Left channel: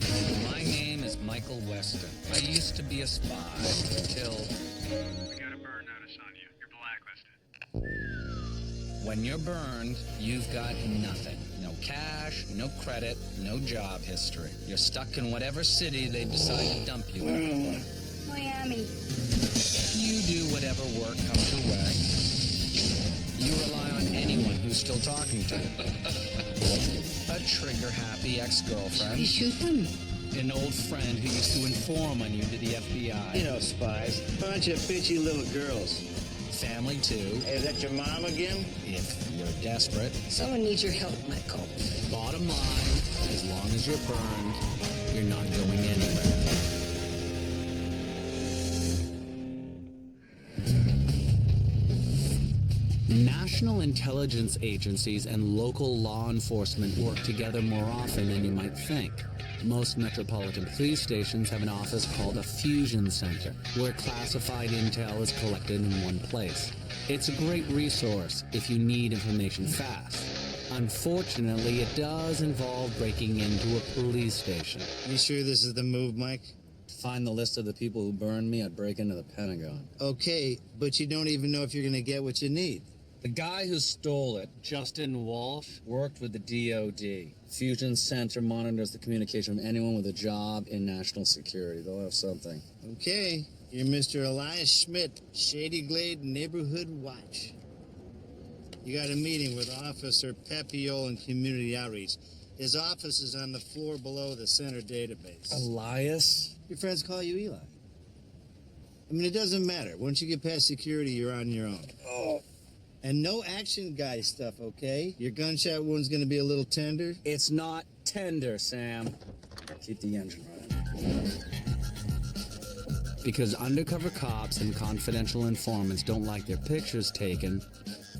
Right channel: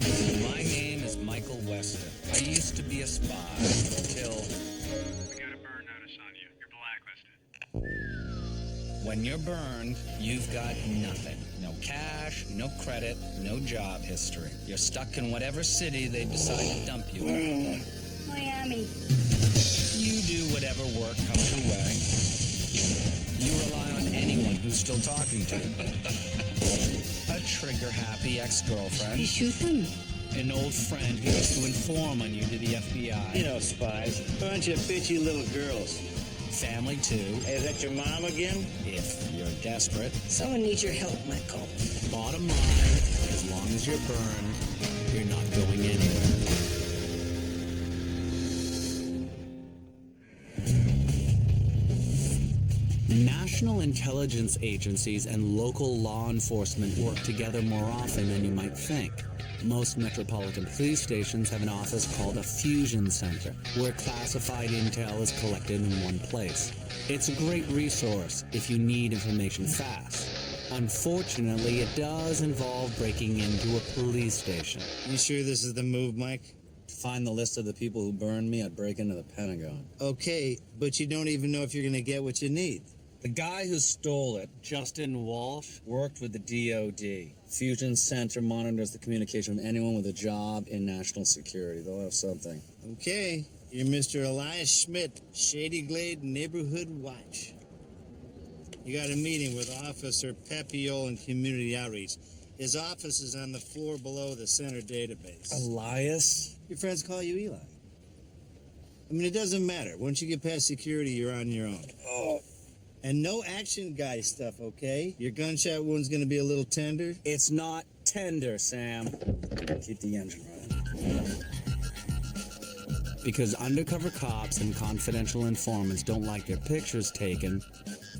My name is Michael Weston. I used to be a spy until... We got a burn notice on you. You're blacklisted. When you're burned, you've got nothing. No cash, no credit, no job history. You're stuck in whatever city they decide to dump you in. Miami. You do whatever work comes your way. You rely on anyone who's still talking to you. A trigger-happy ex-girlfriend. You shoot them. An old friend who used to inform on you to the FBI. You know, spies. Bunch of bitchy little girls. Family, too, Hey, is that your mom again? if you're desperate. Someone needs your help, Michael. Bottom line, as long as you're burned, you're not going anywhere. National intelligence agencies and local law enforcement work together more often than you might think. Most metropolitan police stations have an office called a fusion center, where classified intel is collected in one place. It's a great resource if you need information fast. Unfortunately, it does involve breaking into a police station. You sure this is the move, Mike? To find the list of the people who burned me, I'd break into the Pentagon. Okay, but you don't even know if you're gonna get what you need. The guy who stole it, Justin Walsh, worked with the DOD. Fusion Center monitors the communication of anyone with a job in national security. They'll have something. Okay, you're Mr. Elias Schmidt, Shady Glade Neighborhood Watch. You got a meeting with Officer Pepiol in Community Outreach. His office is on the floor below the center database. Elias? Your friends call you Eli. I mean, it doesn't matter. Once you get past security, you're on your own. Oh, And no action guy stuff, okay? Your gunshot wound's gonna be a little tender. it's not tender, Sam. Keep the engine running. Because undercover cops and confidential informants don't like their pictures taken,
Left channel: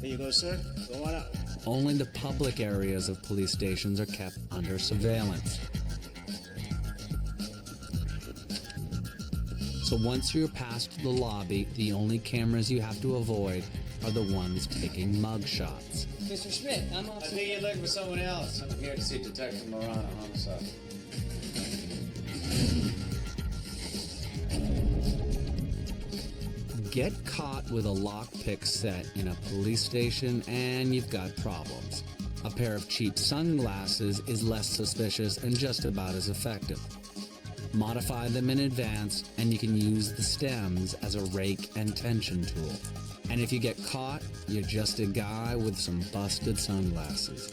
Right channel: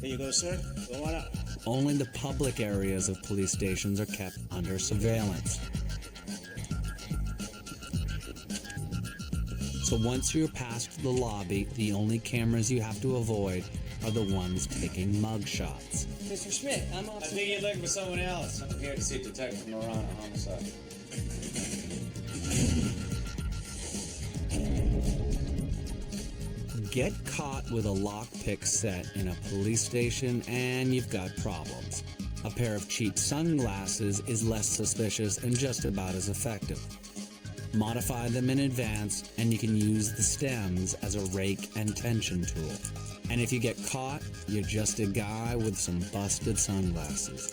Here you go, sir. Go on up. only the public areas of police stations are kept under surveillance. So once you're past the lobby, the only cameras you have to avoid are the ones taking mug shots. Mr. Schmidt, I'm I Officer... think you're looking for someone else. I'm here to see Detective Morano, homicide. Get caught with a lockpick set in a police station and you've got problems. A pair of cheap sunglasses is less suspicious and just about as effective. Modify them in advance and you can use the stems as a rake and tension tool. And if you get caught, you're just a guy with some busted sunglasses.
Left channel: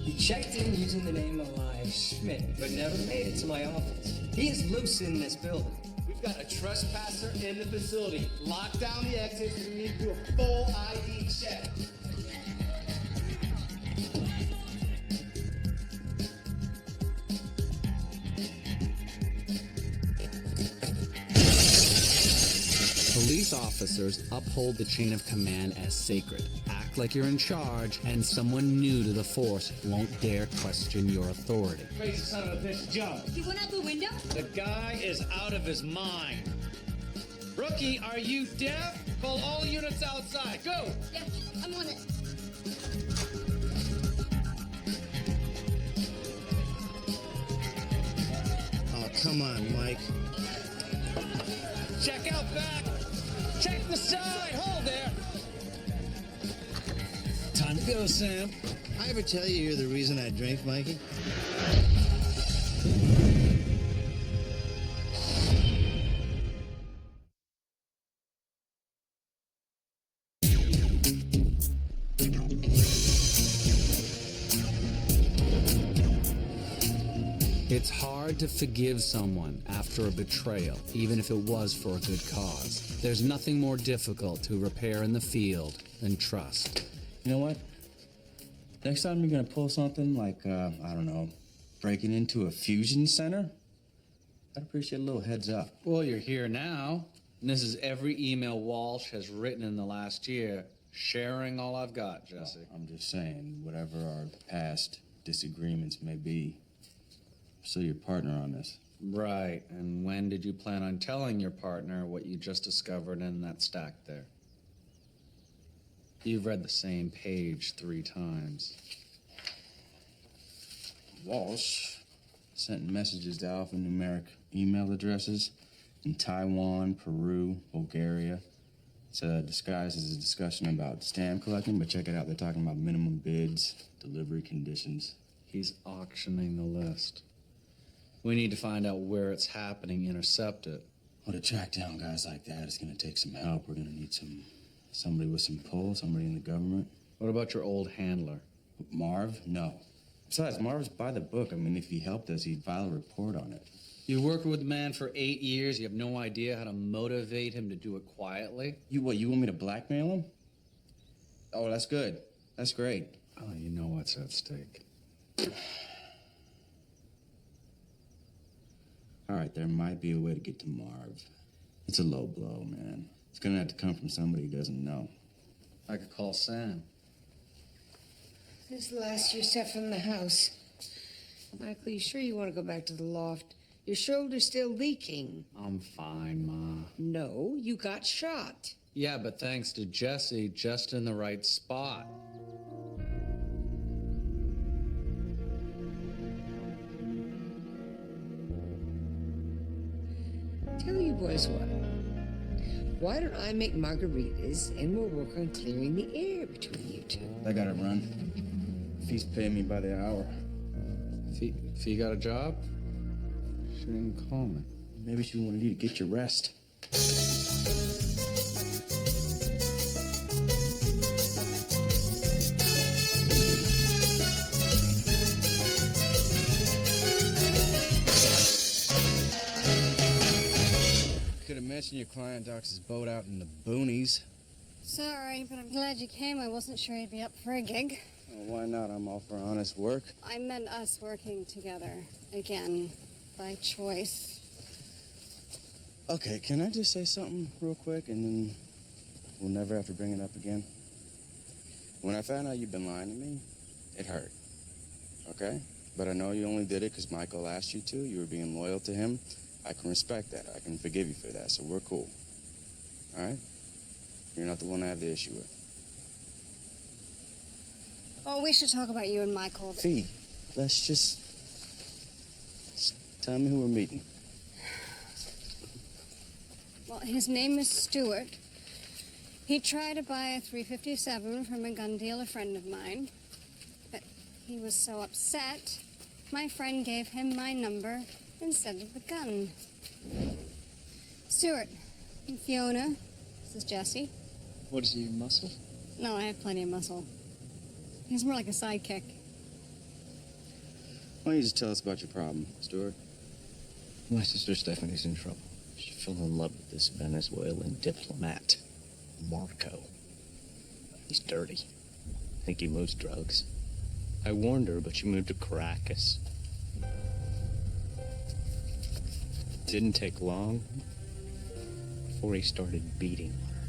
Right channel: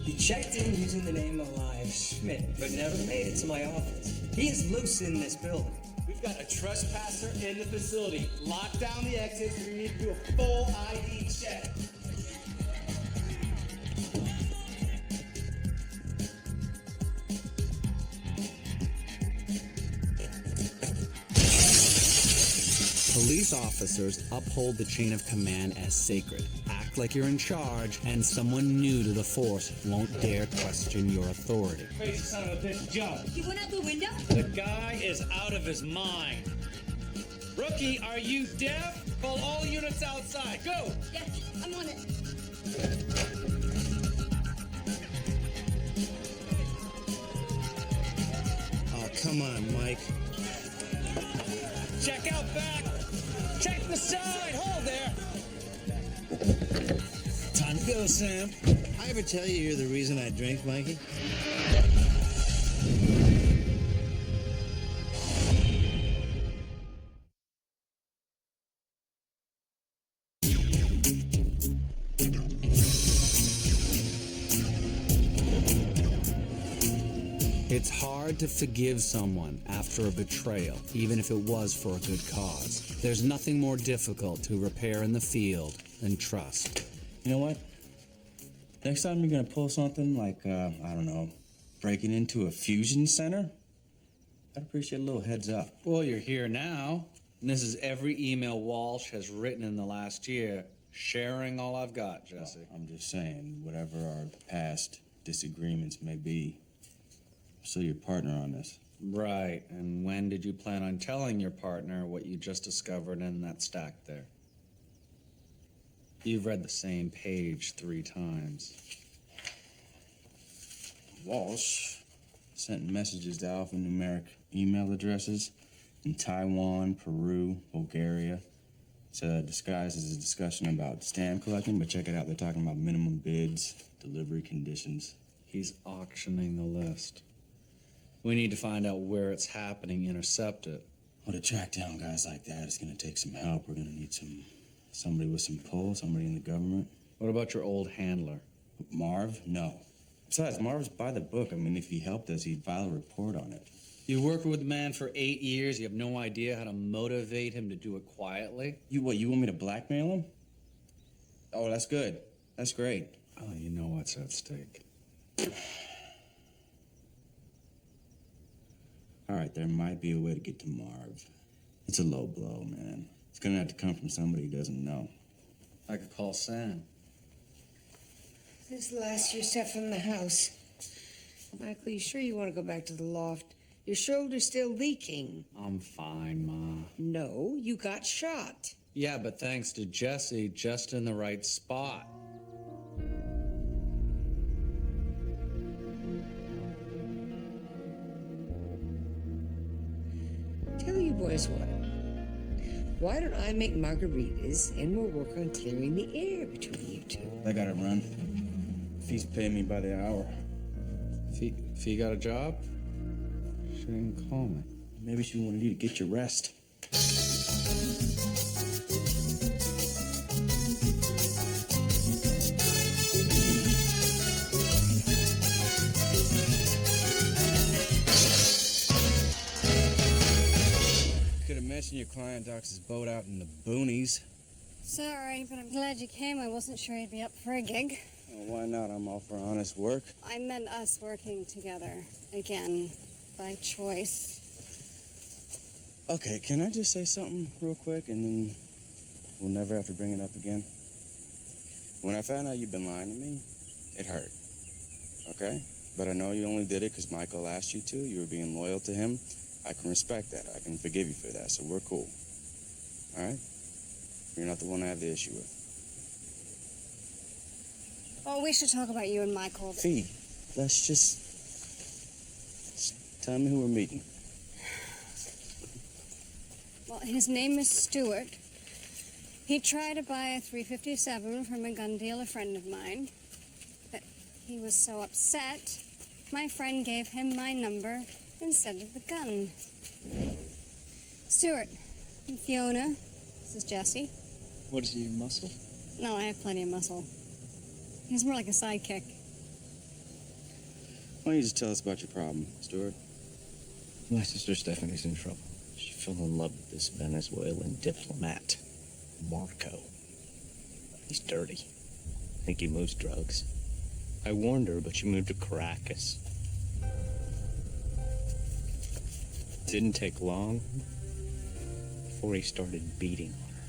He checked in using the name Elias Schmidt, but never made it to my office. He is loose in this building. We've got a trespasser in the facility. Lock down the exits. We need to do a full ID check. Police officers uphold the chain of command as sacred. Act like you're in charge, and someone new to the force won't dare question your authority. Crazy son of a bitch, jump. He went out the window? The guy is out of his mind. Rookie, are you deaf? Call all units outside. Go! Yeah, I'm on it. Oh, come on, Mike. Check out back. Check the side. Hold there. Time to go, Sam. I ever tell you you're the reason I drink, Mikey? It's hard to forgive someone after a betrayal, even if it was for a good cause. There's nothing more difficult to repair in the field than trust. You know what? Next time you're gonna pull something like, I don't know, breaking into a fusion center, I'd appreciate a little heads up. Well, you're here now. And this is every email Walsh has written in the last year, sharing all I've got, Jesse. Well, I'm just saying, whatever our past disagreements may be, I'm still your partner on this. Right, and when did you plan on telling your partner what you just discovered in that stack there? You've read the same page 3 times. Walsh sent messages to alphanumeric email addresses in Taiwan, Peru, Bulgaria. It's disguised as a discussion about stamp collecting, but check it out. They're talking about minimum bids, delivery conditions. He's auctioning the list. We need to find out where it's happening, intercept it. Well, to track down guys like that, it's gonna take some help. We're gonna need somebody with some pull, somebody in the government. What about your old handler? Marv? No. Besides, Marv's by the book. I mean, if he helped us, he'd file a report on it. You worked with the man for 8 years. You have no idea how to motivate him to do it quietly? You want me to blackmail him? Oh, that's good. That's great. Oh, you know what's at stake. All right, there might be a way to get to Marv. It's a low blow, man. It's gonna have to come from somebody who doesn't know. I could call Sam. This is the last of your stuff from the house. Michael, you sure you want to go back to the loft? Your shoulder's still leaking. I'm fine, Ma. No, you got shot. Yeah, but thanks to Jesse, just in the right spot. Tell you boys what. Why don't I make margaritas and we'll work on clearing the air between you two? I gotta run. Fee's paying me by the hour. Fee got a job? She didn't call me. Maybe she wanted you to get your rest. Could have mentioned your client docks his boat out in the boonies. Sorry, but I'm glad you came. I wasn't sure you'd be up for a gig. Well, why not? I'm all for honest work. I meant us working together. Again, by choice. Okay, can I just say something real quick and then we'll never have to bring it up again? When I found out you'd been lying to me, it hurt. Okay? But I know you only did it because Michael asked you to. You were being loyal to him. I can respect that. I can forgive you for that, so we're cool. All right? You're not the one I have the issue with. Oh, we should talk about you and Michael. Fee, let's just tell me who we're meeting. Well, his name is Stuart. He tried to buy a 357 from a gun dealer friend of mine, but he was so upset, my friend gave him my number instead of the gun. Stuart, I'm Fiona. This is Jesse. What is he, muscle? No, I have plenty of muscle. He's more like a sidekick. Why don't you just tell us about your problem, Stuart? My sister Stephanie's in trouble. She fell in love with this Venezuelan diplomat, Marco. He's dirty. I think he moves drugs. I warned her, but she moved to Caracas. Didn't take long before he started beating on her.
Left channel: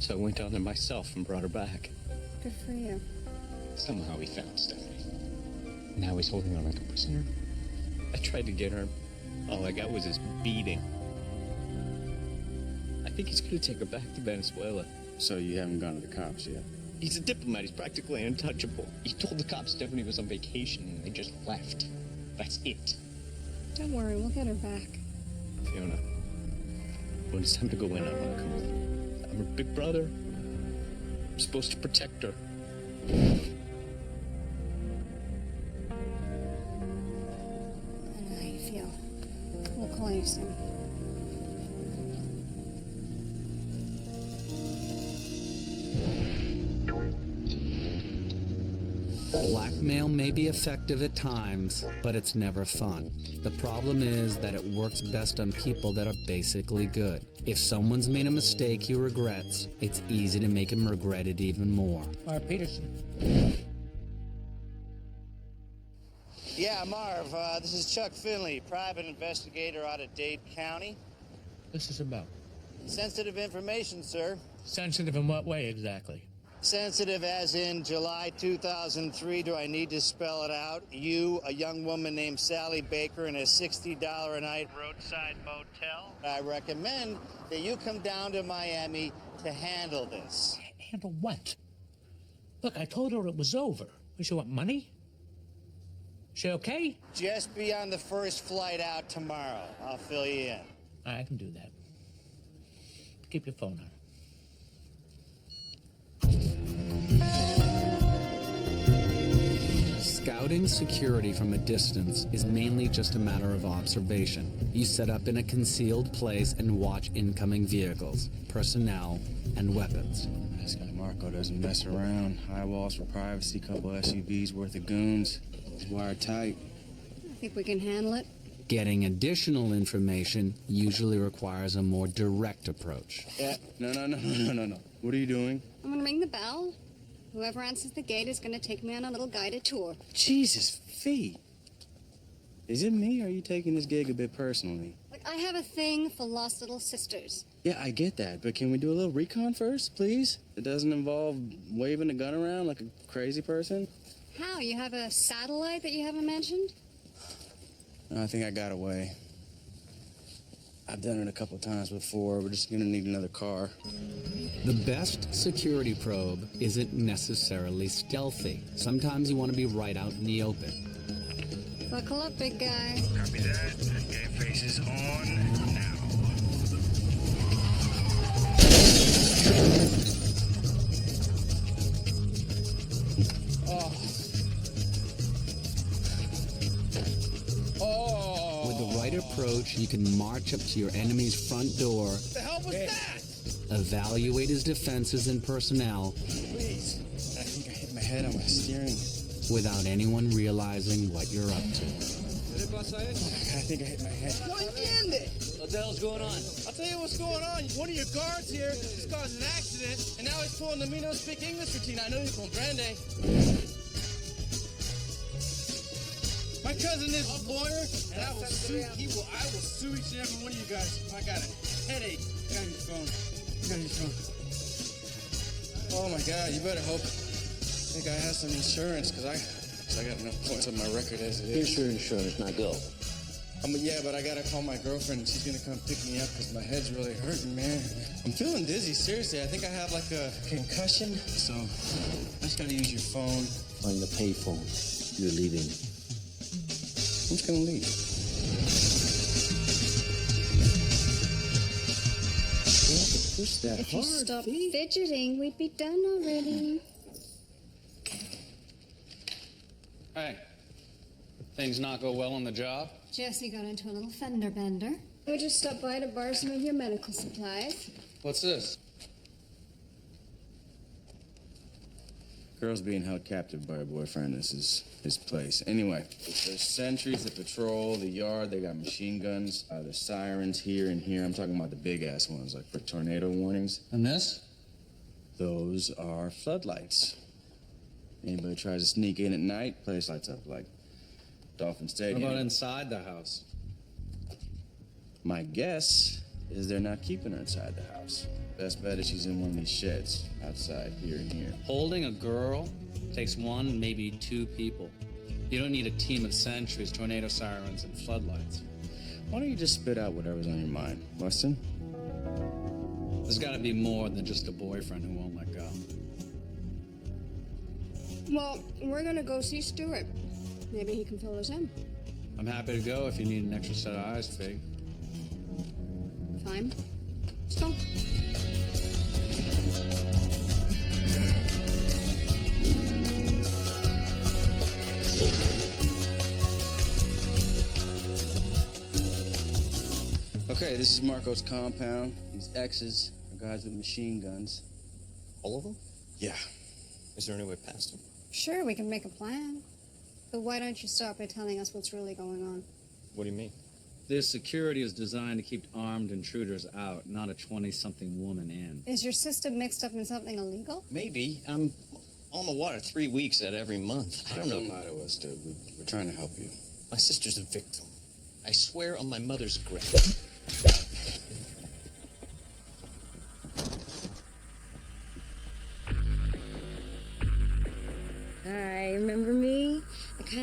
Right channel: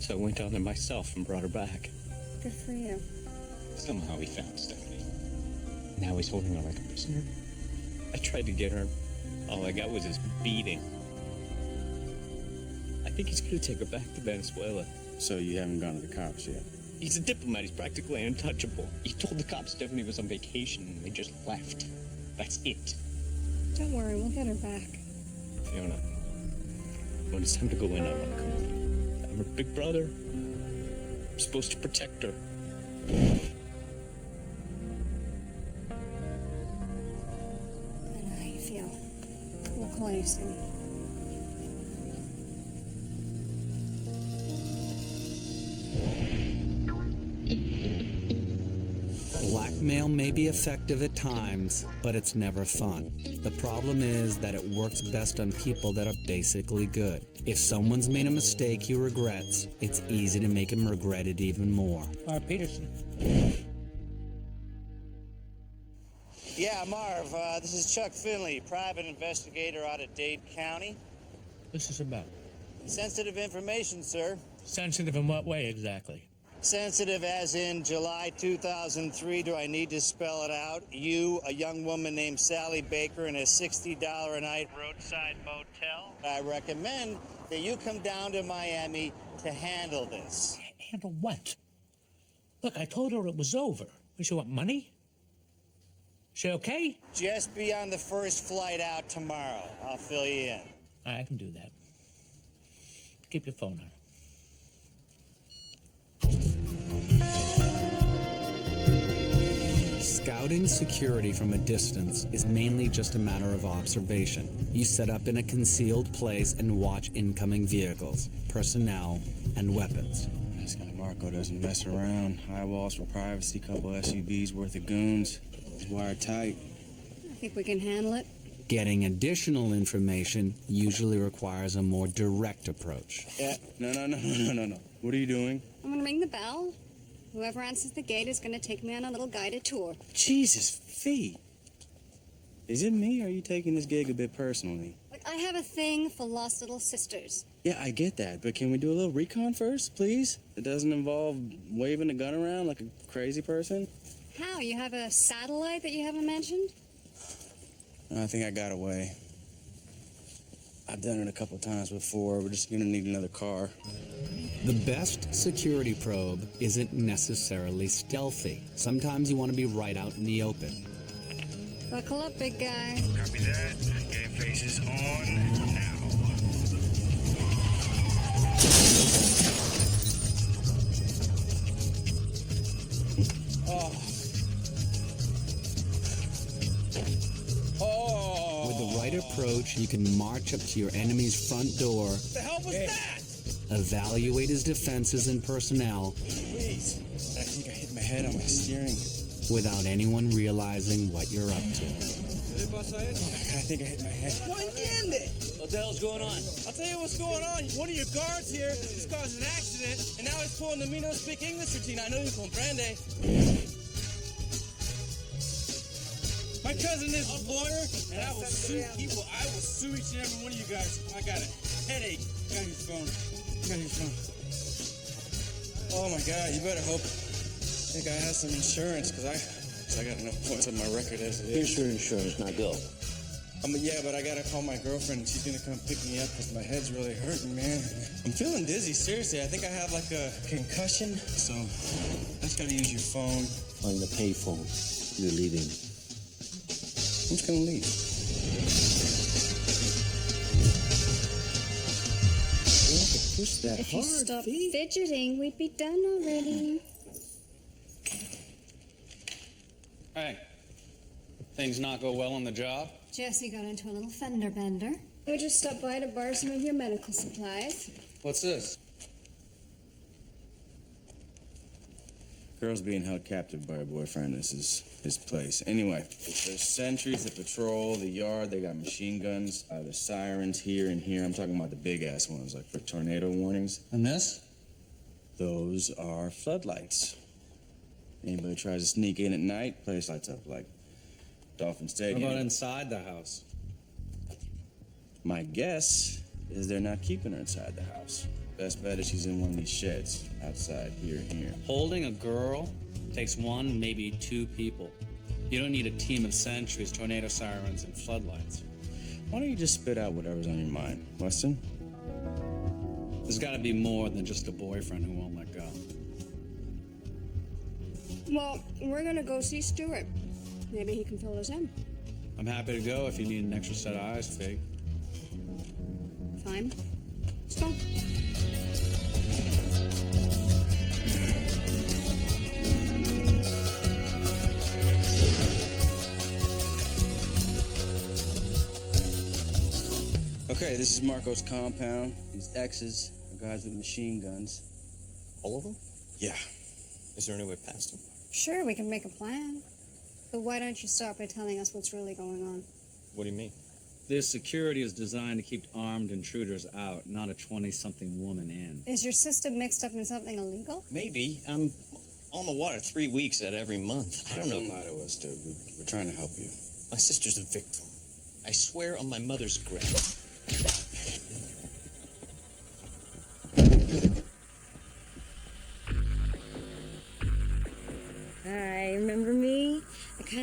So I went down there myself and brought her back. Good for you. Somehow he found Stephanie. Now he's holding her like a prisoner. I tried to get her. All I got was his beating. I think he's gonna take her back to Venezuela. So you haven't gone to the cops yet? He's a diplomat. He's practically untouchable. He told the cops Stephanie was on vacation and they just left. That's it. Don't worry, we'll get her back. Fiona, when it's time to go in, I want to come with you. I'm her big brother. I'm supposed to protect her. I know how you feel. We'll call you soon. Blackmail may be effective at times, but it's never fun. The problem is that it works best on people that are basically good. If someone's made a mistake he regrets, it's easy to make him regret it even more. Peterson. Yeah, Marv, this is Chuck Finley, private investigator out of Dade County. this is about? Sensitive information, sir. Sensitive in what way exactly? Sensitive as in July 2003. Do I need to spell it out? You, a young woman named Sally Baker, in a $60 a night roadside motel. I recommend that you come down to Miami to handle this. Handle what? Look, I told her it was over. What, she want money? She okay? Just be on the first flight out tomorrow. I'll fill you in. I can do that. Keep your phone on. Scouting security from a distance is mainly just a matter of observation. You set up in a concealed place and watch incoming vehicles, personnel, and weapons. This guy Marco doesn't mess around. High walls for privacy, couple SUVs worth of goons. He's wired tight. I think we can handle it. Getting additional information usually requires a more direct approach. Yeah. No. What are you doing? I'm gonna ring the bell. Whoever answers the gate is gonna take me on a little guided tour. Jesus, Fee. Is it me, or are you taking this gig a bit personally? Look, I have a thing for lost little sisters. Yeah, I get that, but can we do a little recon first, please? It doesn't involve waving a gun around like a crazy person? How? You have a satellite that you haven't mentioned? No, I think I got away. I've done it a couple times before. We're just gonna need another car. The best security probe isn't necessarily stealthy. Sometimes you want to be right out in the open. Buckle up, big guy. Copy that. Game face is on now. With the right approach, you can march up to your enemy's front door. What the hell was that? Evaluate his defenses and personnel. Please. I think I hit my head on my steering. Without anyone realizing what you're up to. I think I hit my head. What the hell's going on? I'll tell you what's going on. One of your guards here just caused an accident, and now he's pulling the me no speak English routine. I know you comprende. My cousin is a lawyer, and I will sue. I will sue each and every one of you guys. I got a headache. I gotta use your phone. You gotta use your phone. Oh my God! You better hope that guy has some insurance, because I got enough points on my record as it is. Here's your insurance. Now go. Yeah, but I gotta call my girlfriend, and she's gonna come pick me up because my head's really hurting, man. I'm feeling dizzy. Seriously, I think I have like a concussion. So I just gotta use your phone. On the payphone. You're leaving. I'm just gonna leave. You have to push that If hard. you stop fidgeting, we'd be done already. Hey, things not go well on the job? Jesse got into a little fender bender. We just stopped by to borrow some of your medical supplies. What's this? Girl's being held captive by her boyfriend. This is his place. Anyway, there's sentries that patrol the yard. They got machine guns. There's sirens here and here. I'm talking about the big-ass ones, like for tornado warnings. And this? Those are floodlights. Anybody tries to sneak in at night, place lights up like Dolphin Stadium. What about inside the house? My guess is they're not keeping her inside the house. Best bet is she's in one of these sheds outside here and here. Holding a girl takes one, maybe two people. You don't need a team of sentries, tornado sirens, and floodlights. Why don't you just spit out whatever's on your mind, Weston? There's got to be more than just a boyfriend who won't let go. Well, we're gonna go see Stuart. Maybe he can fill us in. I'm happy to go if you need an extra set of eyes, Fig. Fine. Let's go. Okay, this is Marco's compound. These X's are guys with machine guns. All of them? Yeah. Is there any way past them? Sure, we can make a plan. But why don't you start by telling us what's really going on? What do you mean? This security is designed to keep armed intruders out, not a 20-something woman in. Is your system mixed up in something illegal? Maybe. I'm on the water 3 weeks out of every month. I don't know. Don't lie to us, dude. We're trying to help you. My sister's a victim. I swear on my mother's grave.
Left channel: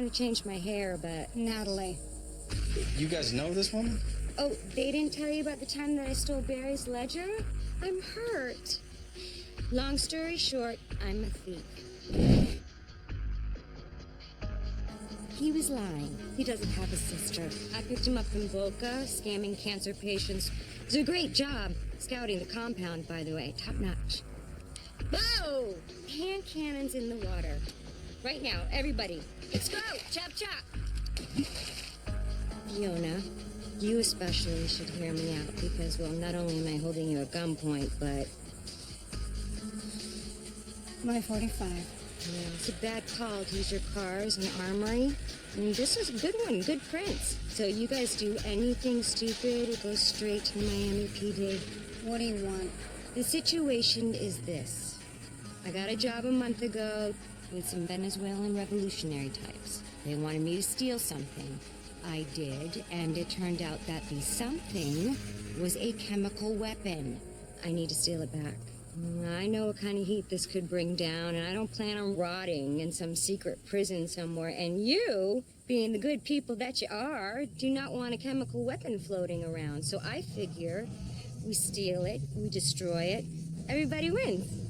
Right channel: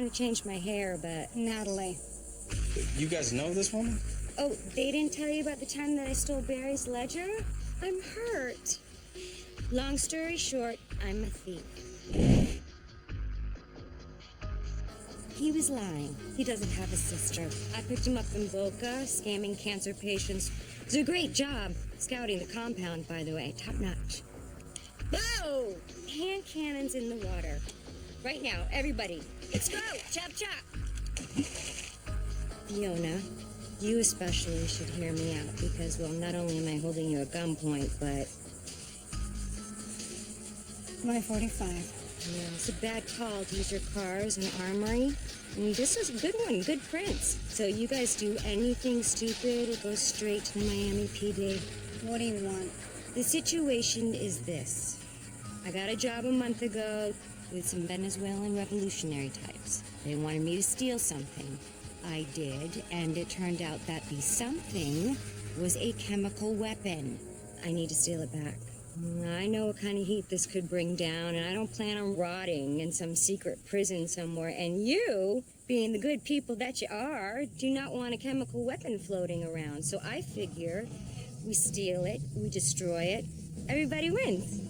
to change my hair, but... Natalie. You guys know this woman? Oh, they didn't tell you about the time that I stole Barry's ledger? I'm hurt. Long story short, I'm a thief. He was lying. He doesn't have a sister. I picked him up in Boca, scamming cancer patients. It was a great job scouting the compound, by the way. Top notch. Whoa! Hand cannons in the water. Right now, everybody. Let's go! Chop, chop! Fiona, you especially should hear me out because, well, not only am I holding you at gunpoint, but... My 45. Yeah, it's a bad call to use your car as an armory. And this is a good one, good prints. So you guys do anything stupid, it goes straight to the Miami PD. What do you want? The situation is this. I got a job a month ago with some Venezuelan revolutionary types. They wanted me to steal something. I did, and it turned out that the something was a chemical weapon. I need to steal it back. I know what kind of heat this could bring down, and I don't plan on rotting in some secret prison somewhere. And you, being the good people that you are, do not want a chemical weapon floating around. So I figure we steal it, we destroy it, everybody wins.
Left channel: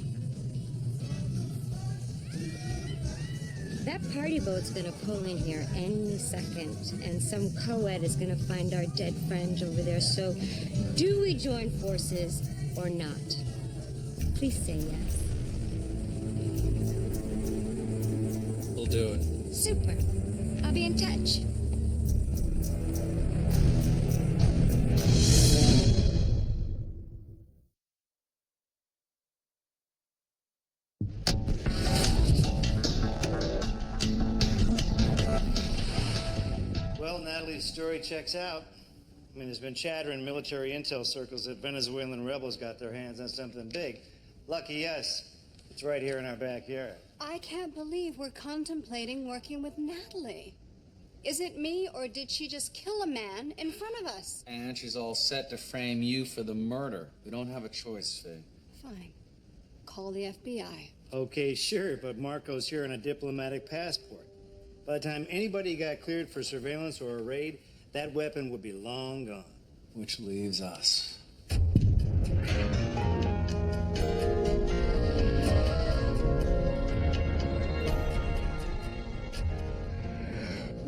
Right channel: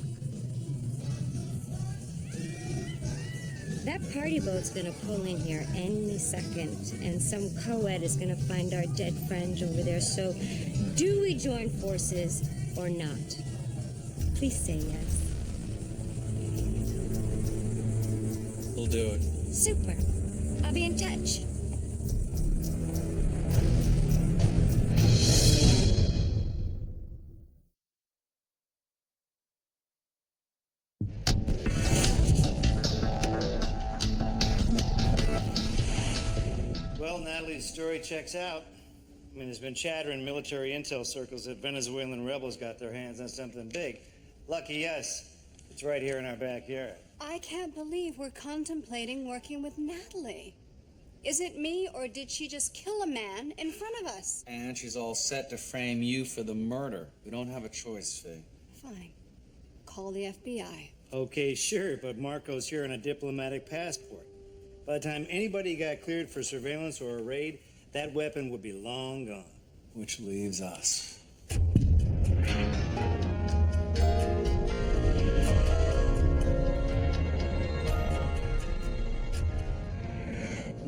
That party boat's gonna pull in here any second, and some co-ed is gonna find our dead friend over there. So do we join forces or not? Please say yes. We'll do it. Super. I'll be in touch. Well, Natalie's story checks out. I mean, there's been chatter in military intel circles that Venezuelan rebels got their hands on something big. Lucky us. It's right here in our backyard. I can't believe we're contemplating working with Natalie. Is it me, or did she just kill a man in front of us? And she's all set to frame you for the murder. We don't have a choice, Fee. Fine. Call the FBI. Okay, sure, but Marco's here on a diplomatic passport. By the time anybody got cleared for surveillance or a raid, that weapon would be long gone. Which leaves us. You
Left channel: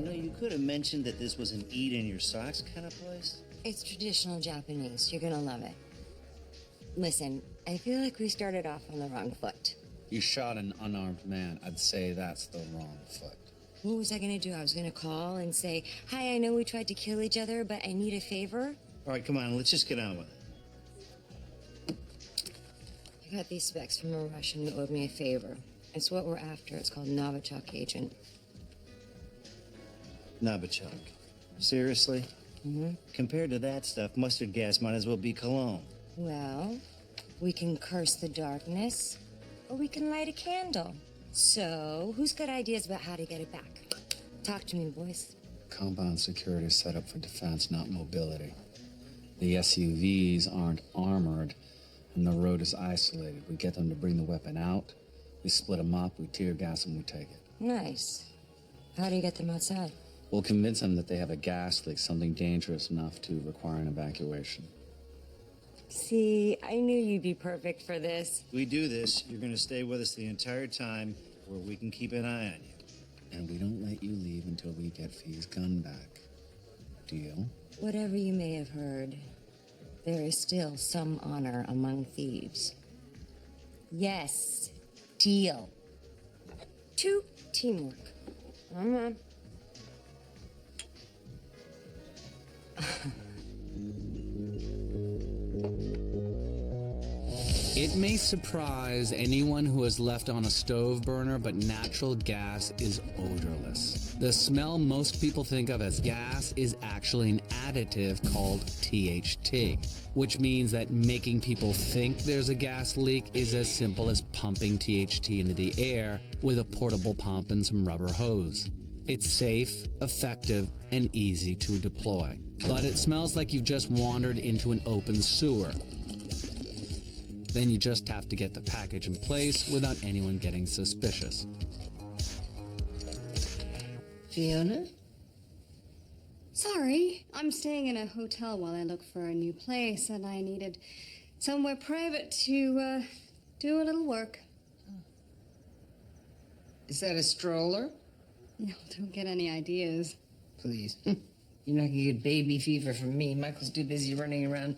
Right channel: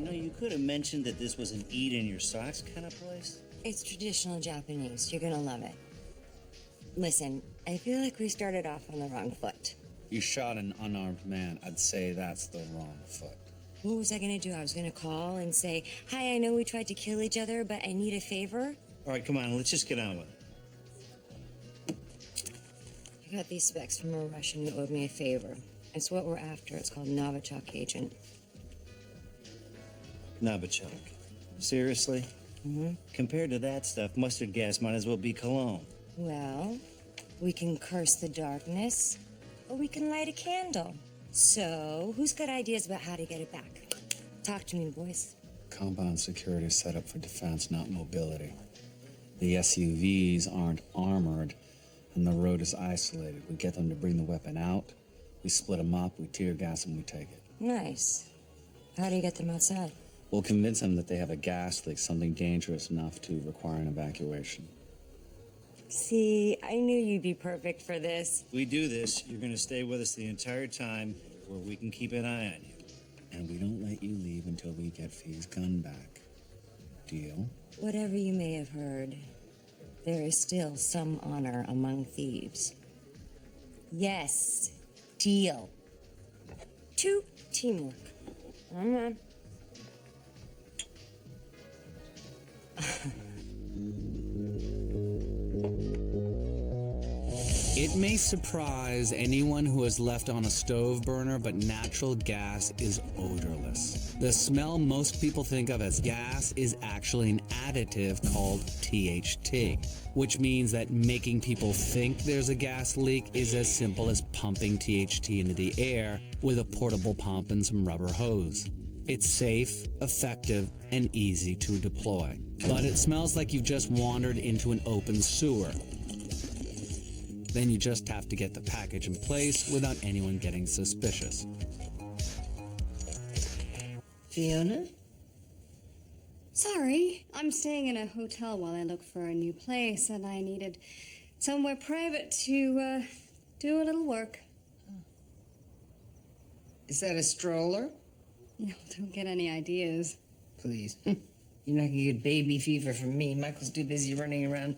know, you could have mentioned that this was an eat in your socks kind of place. It's traditional Japanese. You're gonna love it. Listen, I feel like we started off on the wrong foot. You shot an unarmed man. I'd say that's the wrong foot. What was I gonna do? I was gonna call and say, hi, I know we tried to kill each other, but I need a favor. All right, come on, let's just get on with it. I got these specs from a Russian who owed me a favor. It's what we're after. It's called Novichok Agent. Novichok. Seriously? Mm-hmm. Compared to that stuff, mustard gas might as well be cologne. Well, we can curse the darkness, or we can light a candle. So, who's got ideas about how to get it back? Talk to me, boys. Compound security is set up for defense, not mobility. The SUVs aren't armored, and the road is isolated. We get them to bring the weapon out, we split them up, we tear gas them, we take it. Nice. How do you get them outside? We'll convince them that they have a gas leak, something dangerous enough to require an evacuation. See, I knew you'd be perfect for this. We do this, you're gonna stay with us the entire time where we can keep an eye on you. And we don't let you leave until we get Fee's gun back. Deal? Whatever you may have heard, there is still some honor among thieves. Yes, deal. 2, teamwork. Mm-hmm. It may surprise anyone who has left on a stove burner, but natural gas is odorless. The smell most people think of as gas is actually an additive called THT, which means that making people think there's a gas leak is as simple as pumping THT into the air with a portable pump and some rubber hose. It's safe, effective, and easy to deploy. But it smells like you've just wandered into an open sewer. Then you just have to get the package in place without anyone getting suspicious. Fiona? Sorry, I'm staying in a hotel while I look for a new place, and I needed somewhere private to do a little work. Is that a stroller? No, don't get any ideas. Please. You're not gonna get baby fever from me. Michael's too busy running around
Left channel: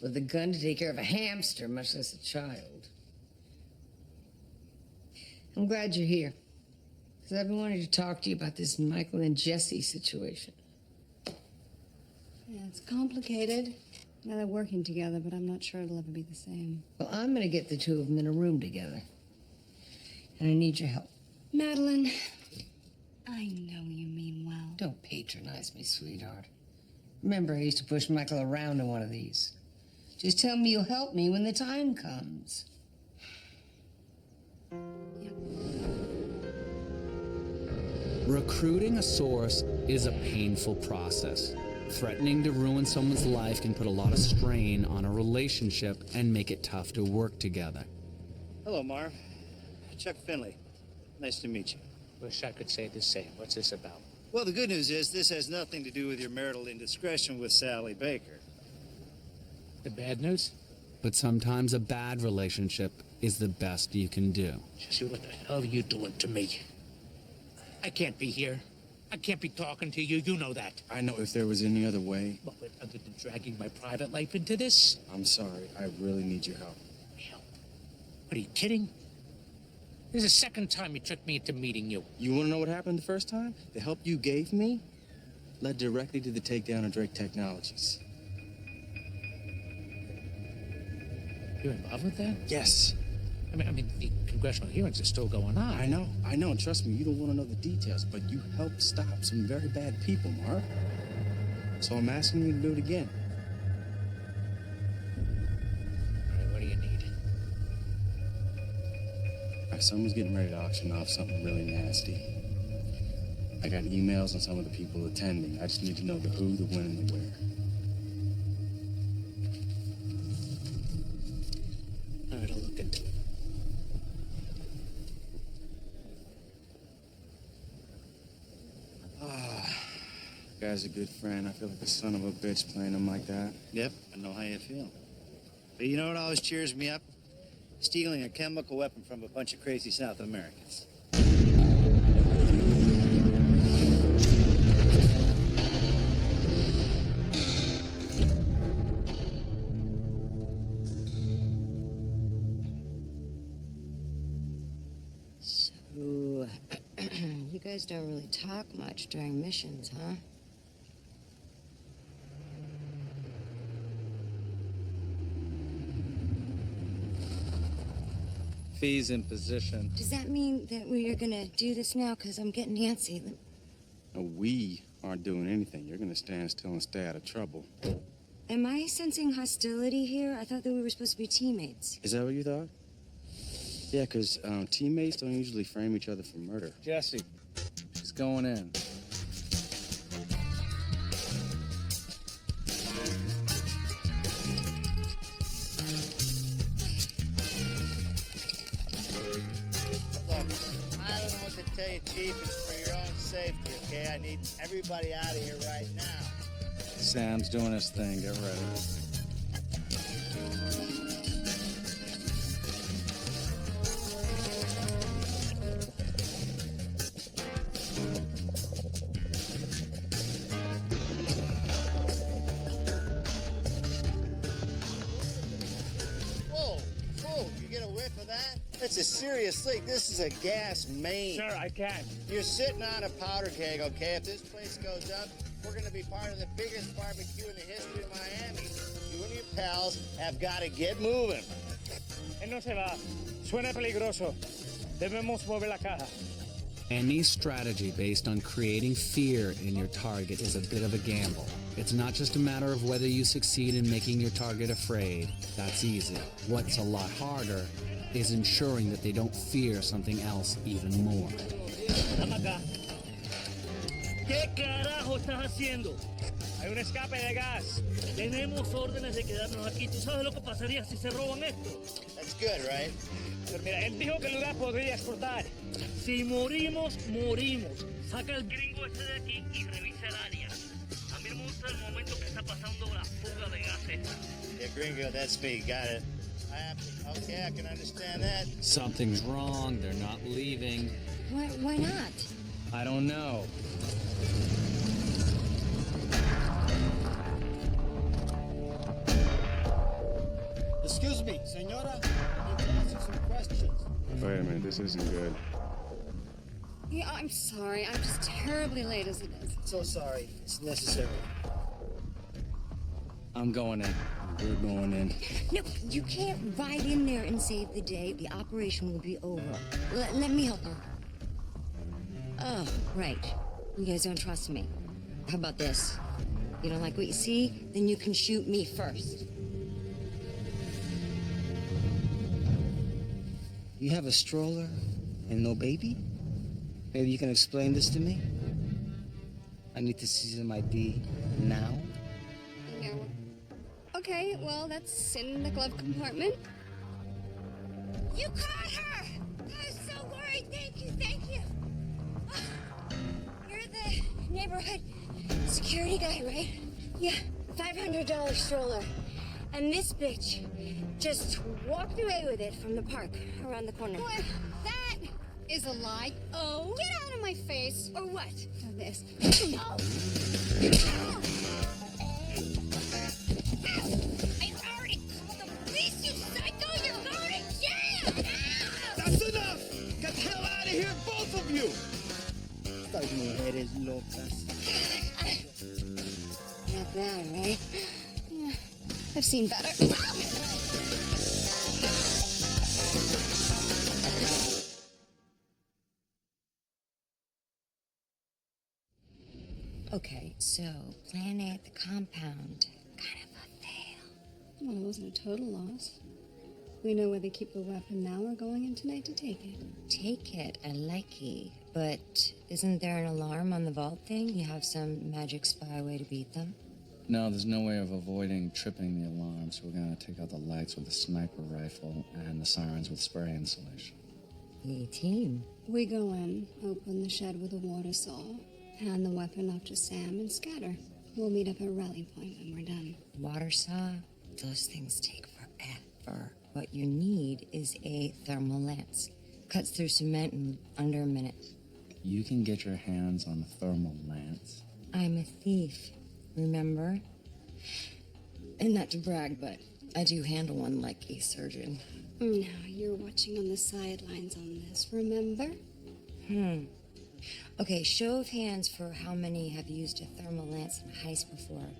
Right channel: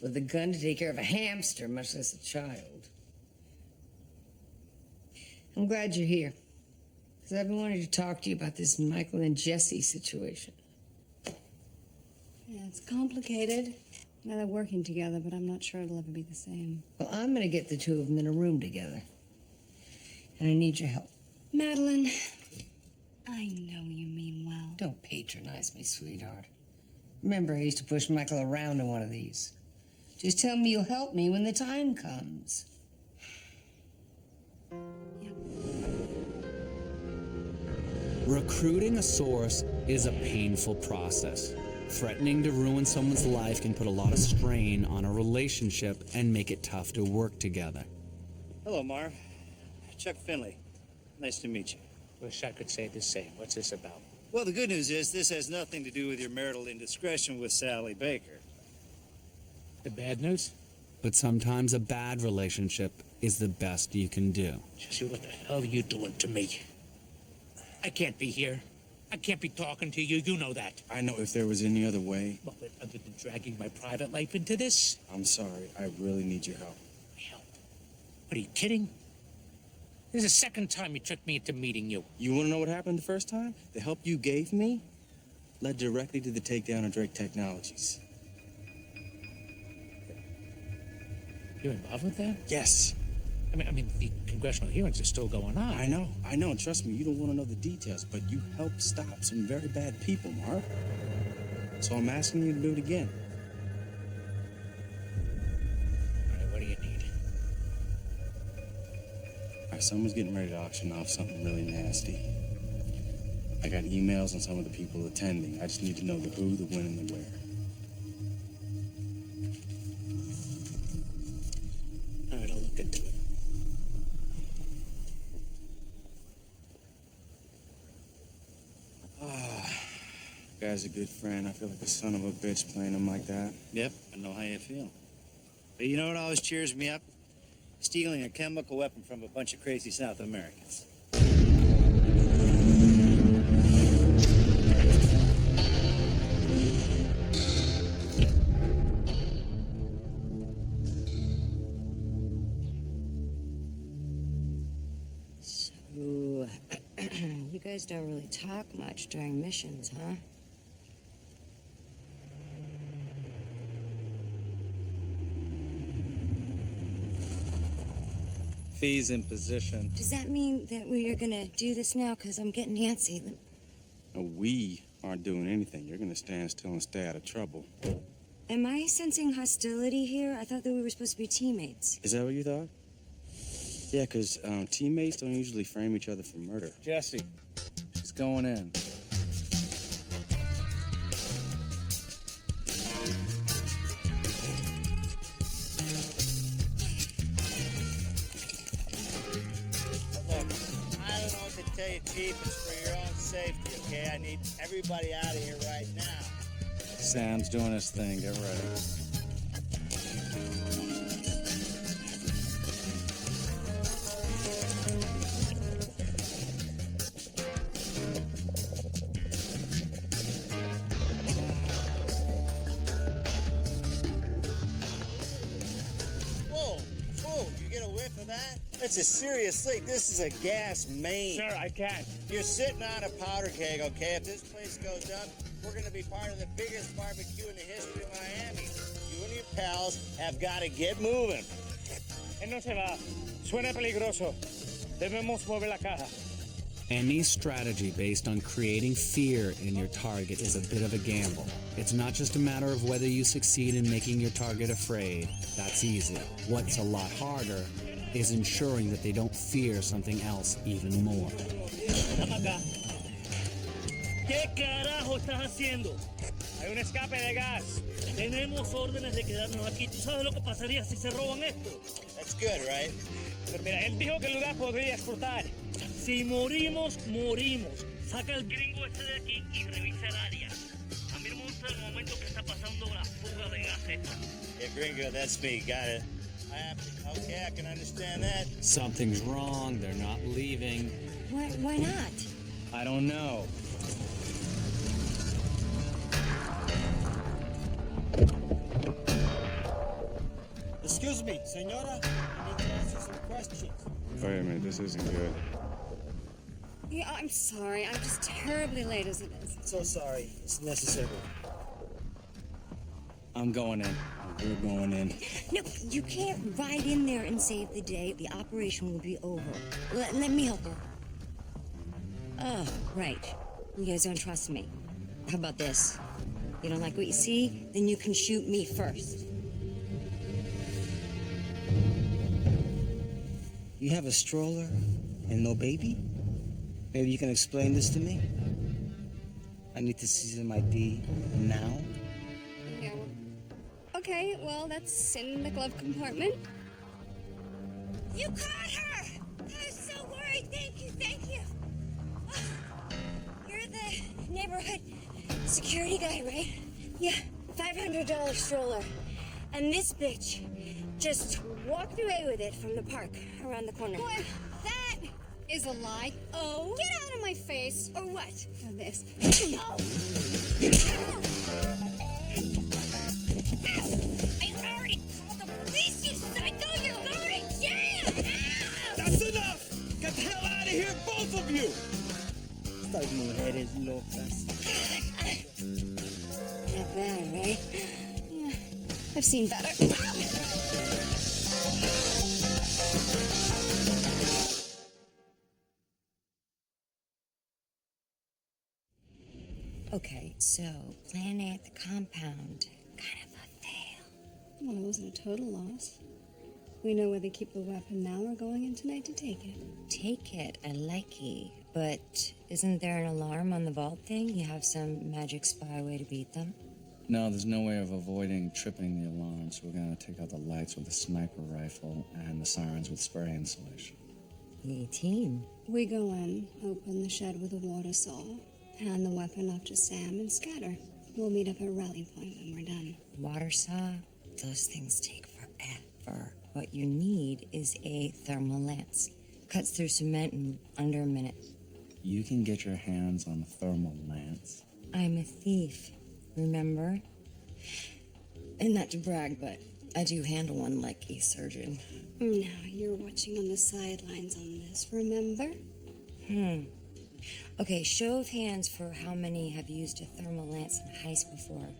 with a gun to take care of a hamster, much less a child. I'm glad you're here, because I've been wanting to talk to you about this Michael and Jesse situation. Yeah, it's complicated. Now they're working together, but I'm not sure it'll ever be the same. Well, I'm gonna get the two of them in a room together, and I need your help. Madeline, I know you mean well. Don't patronize me, sweetheart. Remember, I used to push Michael around in one of these. Just tell me you'll help me when the time comes. Recruiting a source is a painful process. Threatening to ruin someone's life can put a lot of strain on a relationship and make it tough to work together. Hello, Marv. Chuck Finley. Nice to meet you. Wish I could say the same. What's this about? Well, the good news is this has nothing to do with your marital indiscretion with Sally Baker. The bad news? But sometimes a bad relationship is the best you can do. Jesse, what the hell are you doing to me? I can't be here. I can't be talking to you. You know that. I know if there was any other way. But other than dragging my private life into this? I'm sorry. I really need your help. Help? What, are you kidding? This is the second time you tricked me into meeting you. You want to know what happened the first time? The help you gave me led directly to the takedown of Drake Technologies. You're involved with that? Yes. I mean, the congressional hearings are still going on. I know. And trust me, you don't want to know the details, but you helped stop some very bad people, Marv. So I'm asking you to do it again. All right, what do you need? All right, someone's getting ready to auction off something really nasty. I got emails on some of the people attending. I just need to know the who, the when, and the where. All right, I'll look into it. Guy's a good friend. I feel like a son of a bitch playing him like that. Yep, I know how you feel. But you know what always cheers me up? Stealing a chemical weapon from a bunch of crazy South Americans. So, you guys don't really talk much during missions, huh? Fee's in position. Does that mean that we are gonna do this now? Because I'm getting antsy. No, we aren't doing anything. You're gonna stand still and stay out of trouble. Am I sensing hostility here? I thought that we were supposed to be teammates. Is that what you thought? Yeah, because teammates don't usually frame each other for murder. Jesse, she's going in. Look, I don't know what to tell you, Chief. It's for your own safety, okay? I need everybody out of here right now. Sam's doing his thing. Get ready. Whoa, you get a whiff of that? That's a serious leak. This is a gas main. Sir, I can't. You're sitting on a powder keg, okay? If this place goes up, we're gonna be part of the biggest barbecue in the history of Miami. You and your pals have got to get moving. Él no se va. Suena peligroso. Debemos mover la caja. Any strategy based on creating fear in your target is a bit of a gamble. It's not just a matter of whether you succeed in making your target afraid. That's easy. What's a lot harder is ensuring that they don't fear something else even more. ¿Qué carajo estás haciendo? Hay un escape de gas. Tenemos órdenes de quedarnos aquí. ¿Tú sabes lo que pasaría si se roban esto? That's good, right? Pero mira, él dijo que el lugar podría explotar. Si morimos, morimos. Saca el gringo ese de aquí y revisa el área. A mí no me gusta el momento que está pasando la fuga de gas esta. Yeah, gringo, that's me. Got it. Okay, I can understand that. Something's wrong. They're not leaving. Why not? I don't know. Excuse me, senora. I need to ask you some questions. Wait a minute, this isn't good. Yeah, I'm sorry. I'm just terribly late as it is. So sorry. It's necessary. I'm going in. We're going in. No, you can't ride in there and save the day. The operation will be over. Let me help her. Oh, right. You guys don't trust me. How about this? You don't like what you see? Then you can shoot me first. You have a stroller and no baby? Maybe you can explain this to me? I need to see some ID now. Yeah, well, okay, well, that's in the glove compartment. You caught her! I was so worried. Thank you. Oh, you're the neighborhood security guy, right? Yeah, $500 stroller. And this bitch just walked away with it from the park around the corner. What? That is a lie. Oh? Get out of my face. Or what? Or this. Oh! I already called the police, you psycho! You're going to jail! Ow! That's enough! Get the hell out of here, both of you! Estas mujeres locas. Not bad, right? Yeah, I've seen better. Okay, so plan A at the compound. Kind of a fail. Well, it wasn't a total loss. We know where they keep the weapon now. We're going in tonight to take it. Take it, I like ye. But isn't there an alarm on the vault thing? You have some magic spy way to beat them? No, there's no way of avoiding tripping the alarm, so we're gonna take out the lights with a sniper rifle and the sirens with spray insulation. E14. We go in, open the shed with a water saw, hand the weapon off to Sam, and scatter. We'll meet up at Rally Point when we're done. Water saw? Those things take forever. What you need is a thermal lance. Cuts through cement in under a minute. You can get your hands on a thermal lance. I'm a thief, remember? And not to brag, but I do handle one like a surgeon. Now, you're watching on the sidelines on this, remember? Okay, show of hands for how many have used a thermal lance in a heist before.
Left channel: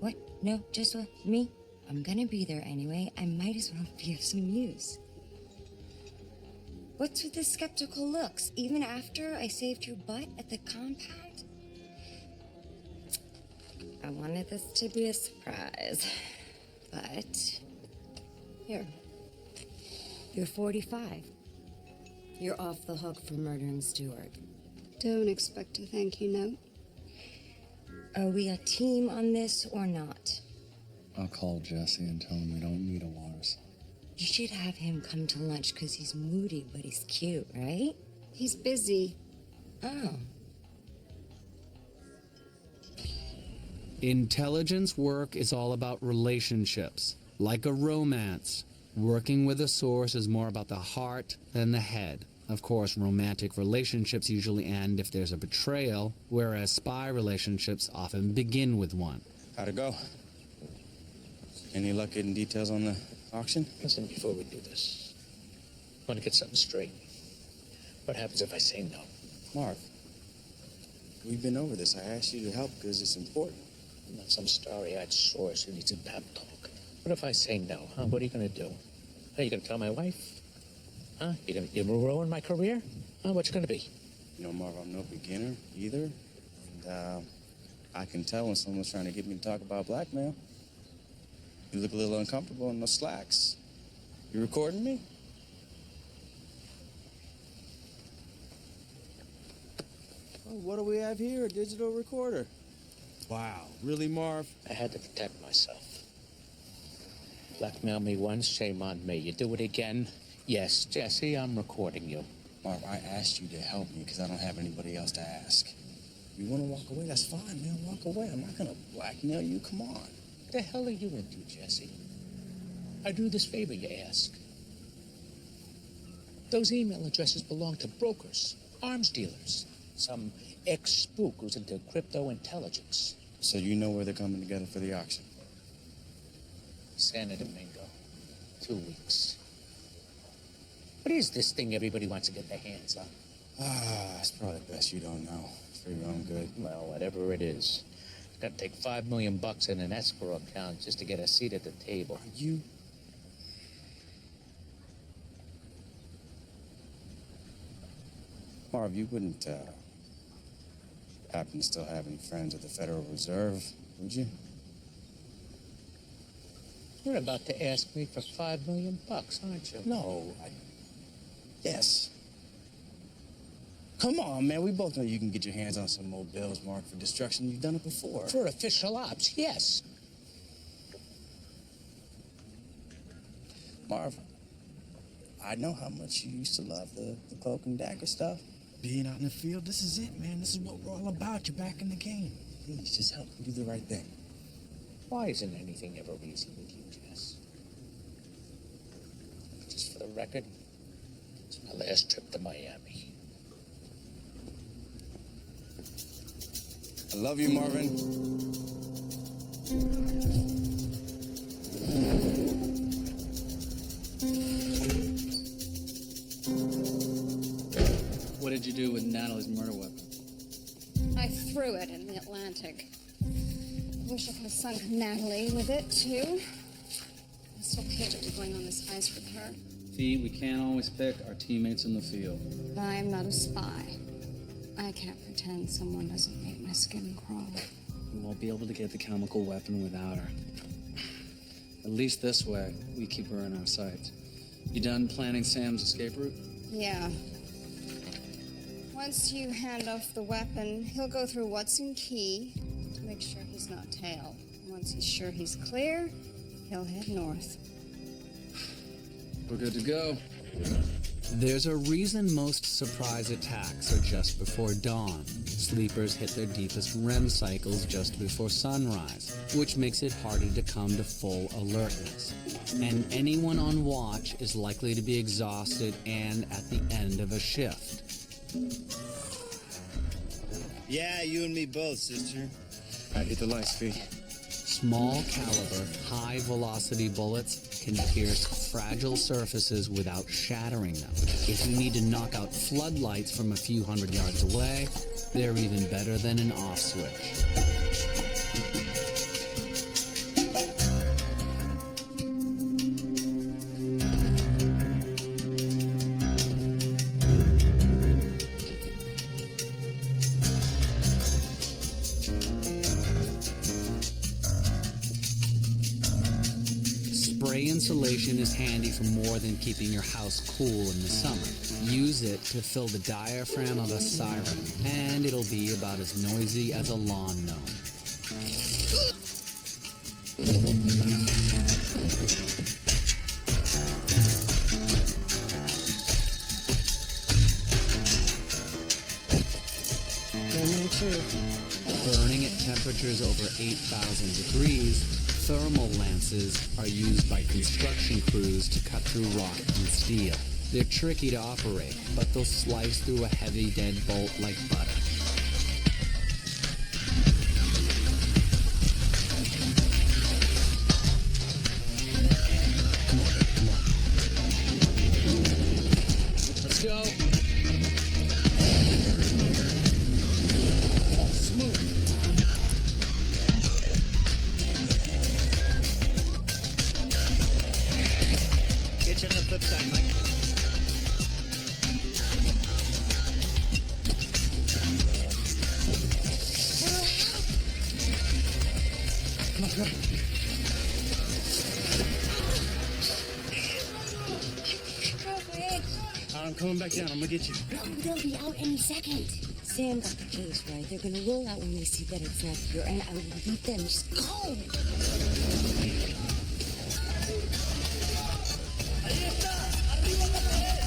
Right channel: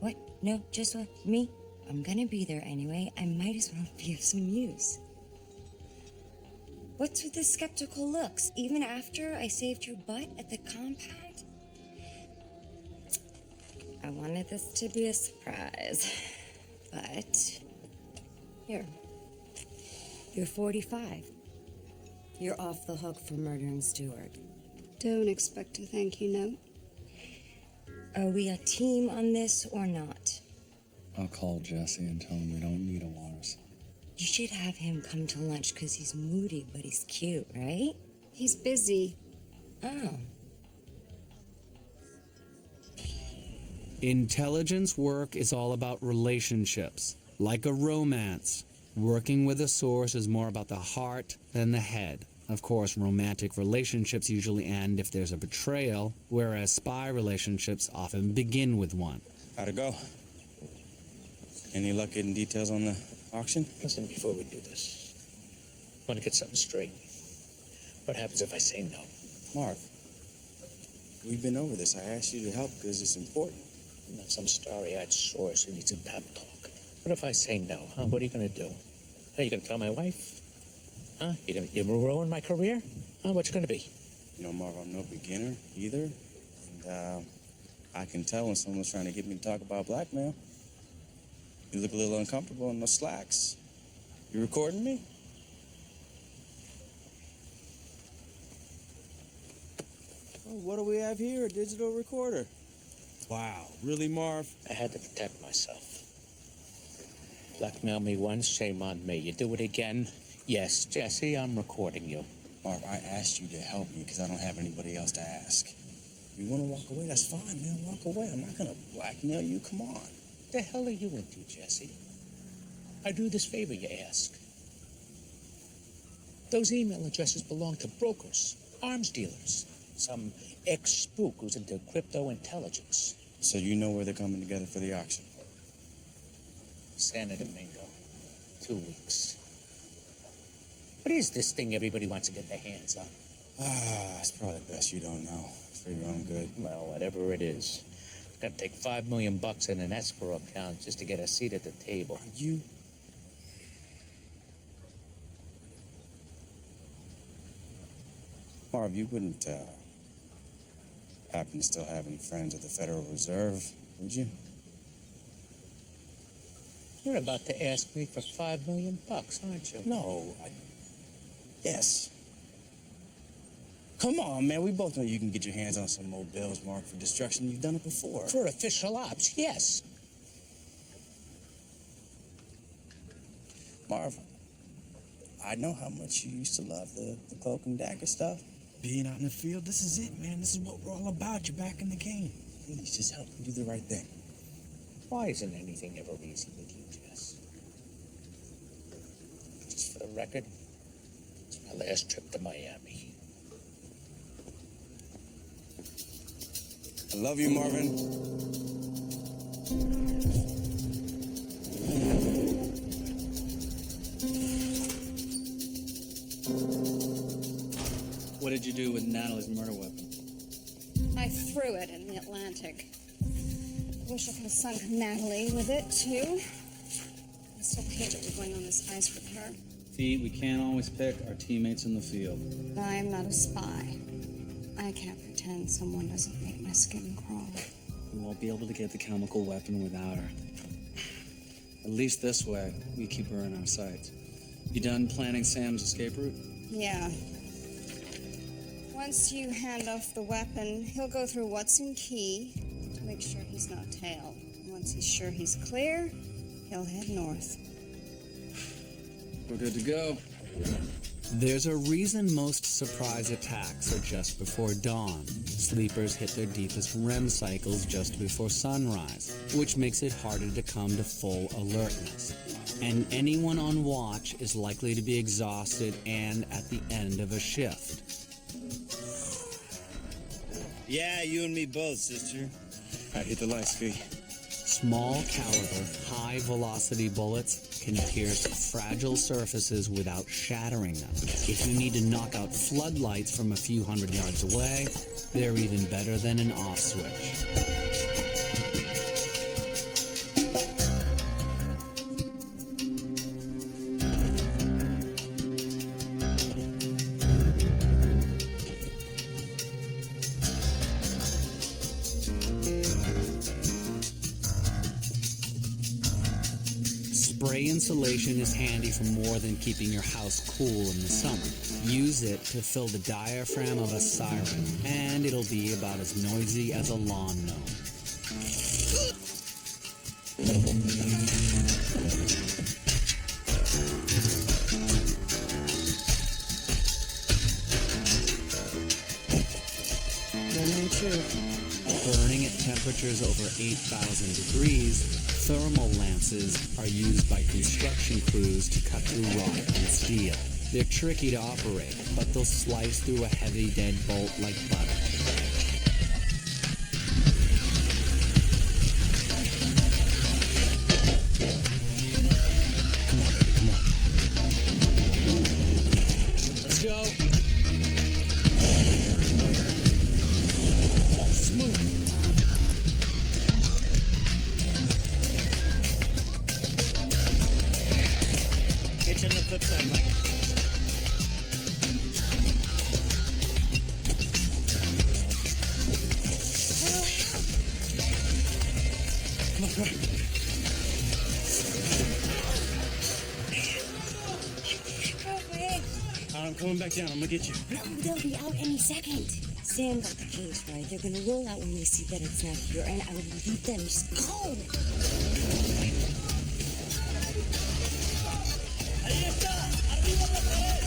What? No, just me? I'm gonna be there anyway. I might as well be of some use. What's with the skeptical looks? Even after I saved your butt at the compound? I wanted this to be a surprise. But here. You're 45. You're off the hook for murdering Stewart. Don't expect a thank you note. Are we a team on this or not? I'll call Jesse and tell him we don't need a water saw. You should have him come to lunch because he's moody, but he's cute, right? He's busy. Oh. Intelligence work is all about relationships, like a romance. Working with a source is more about the heart than the head. Of course, romantic relationships usually end if there's a betrayal, whereas spy relationships often begin with one. How'd it go? Any luck getting details on the auction? Listen, before we do this, I want to get something straight. What happens if I say no? Marv, we've been over this. I asked you to help because it's important. I'm not some starry-eyed source who needs a pep talk. What if I say no, huh? What are you going to do? Are you going to tell my wife? Huh? You going to ruin my career? Huh? What's it going to be? You know, Marv, I'm no beginner either. And I can tell when someone's trying to get me to talk about blackmail. You look a little uncomfortable in those slacks. You recording me? Oh, what do we have here? A digital recorder. Wow, really, Marv? I had to protect myself. Blackmail me once, shame on me. You do it again? Yes, Jesse, I'm recording you. Marv, I asked you to help me because I don't have anybody else to ask. You want to walk away? That's fine, man. Walk away. I'm not going to blackmail you. Come on. What the hell are you into, Jesse? I do this favor you ask. Those email addresses belong to brokers, arms dealers, some ex-spook who's into crypto intelligence. So you know where they're coming together for the auction? Santo Domingo. 2 weeks. What is this thing everybody wants to get their hands on? It's probably best you don't know. For your own good. Well, whatever it is. It's got to take $5 million in an escrow account just to get a seat at the table. Are you... Marv, you wouldn't, happen to still have any friends at the Federal Reserve, would you? You're about to ask me for $5 million, aren't you? No, Yes. Come on, man. We both know you can get your hands on some more bills marked for destruction. You've done it before. For official ops, yes. Marv, I know how much you used to love the cloak and dagger stuff. Being out in the field, this is it, man. This is what we're all about. You're back in the game. Please, just help me do the right thing. Why isn't anything ever easy with you, Jess? Just for the record, it's my last trip to Miami. I love you, Marvin. What did you do with Natalie's murder weapon? I threw it in the Atlantic. Wish I could have sunk Natalie with it, too. I still hate that we're going on this heist with her. Fee, we can't always pick our teammates in the field. I'm not a spy. I can't pretend someone doesn't make my skin crawl. We won't be able to get the chemical weapon without her. At least this way, we keep her in our sights. You done planning Sam's escape route? Yeah. Once you hand off the weapon, he'll go through what's in key to make sure he's not tailed. And once he's sure he's clear, he'll head north. We're good to go. There's a reason most surprise attacks are just before dawn. Sleepers hit their deepest REM cycles just before sunrise, which makes it harder to come to full alertness. And anyone on watch is likely to be exhausted and at the end of a shift. Yeah, you and me both, sister. All right, hit the lights, Fee. Small caliber, high velocity bullets can pierce fragile surfaces without shattering them. If you need to knock out floodlights from a few hundred yards away, they're even better than an off switch. Spray insulation is handy for more than keeping your house cool in the summer. Use it to fill the diaphragm of a siren, and it'll be about as noisy as a lawn gnome. Moment of truth. Burning at temperatures over 8,000 degrees, thermal lances are used by construction crews to cut through rock and steel. They're tricky to operate, but they'll slice through a heavy deadbolt like butter. Come on, baby, come on. Let's go. Oh, smooth. Get you on the flip side, Mike. Come on, come on. Broke my ankle. I'm coming back down. I'm gonna get you. No, they'll be out any second. Sam got the case right. They're gonna roll out when they see that it's not here, and I will leave them. Just go. Ahí está, arriba en la pared.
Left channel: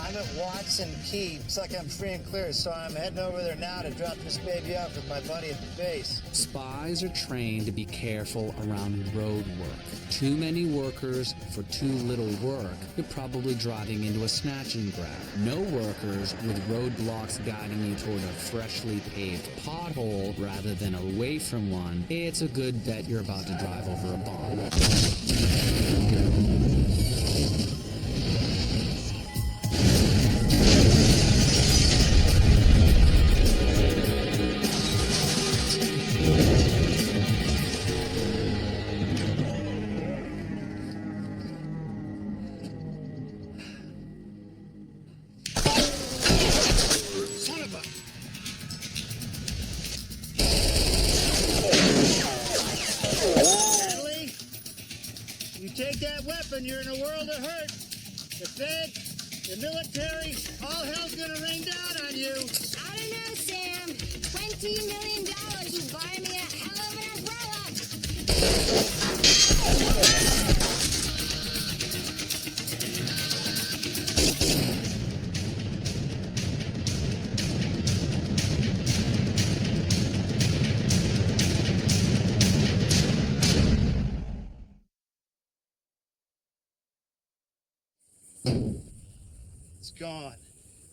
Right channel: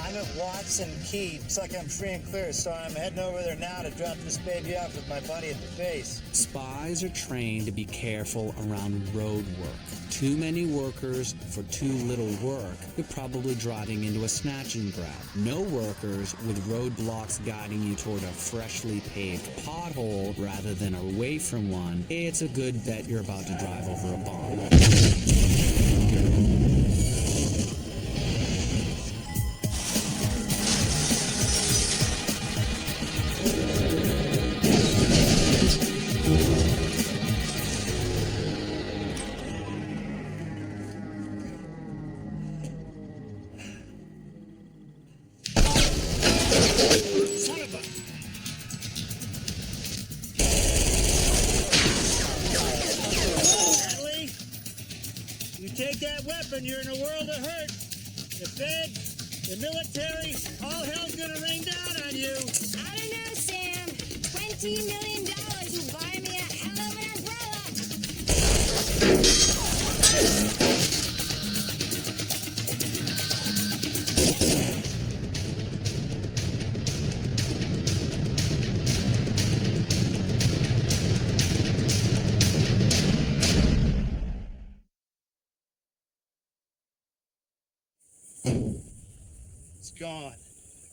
I'm at Watson Key. It's like I'm free and clear, so I'm heading over there now to drop this baby off with my buddy at the base. Spies are trained to be careful around road work. Too many workers for too little work, you're probably driving into a snatch and grab. No workers with roadblocks guiding you toward a freshly paved pothole rather than away from one. It's a good bet you're about to drive over a bomb. Son of a... Natalie, you take that weapon, you're in a world of hurt. The Fed, the military, all hell's gonna rain down on you. I don't know, Sam. $20 million will buy me a hell of an umbrella. It's gone.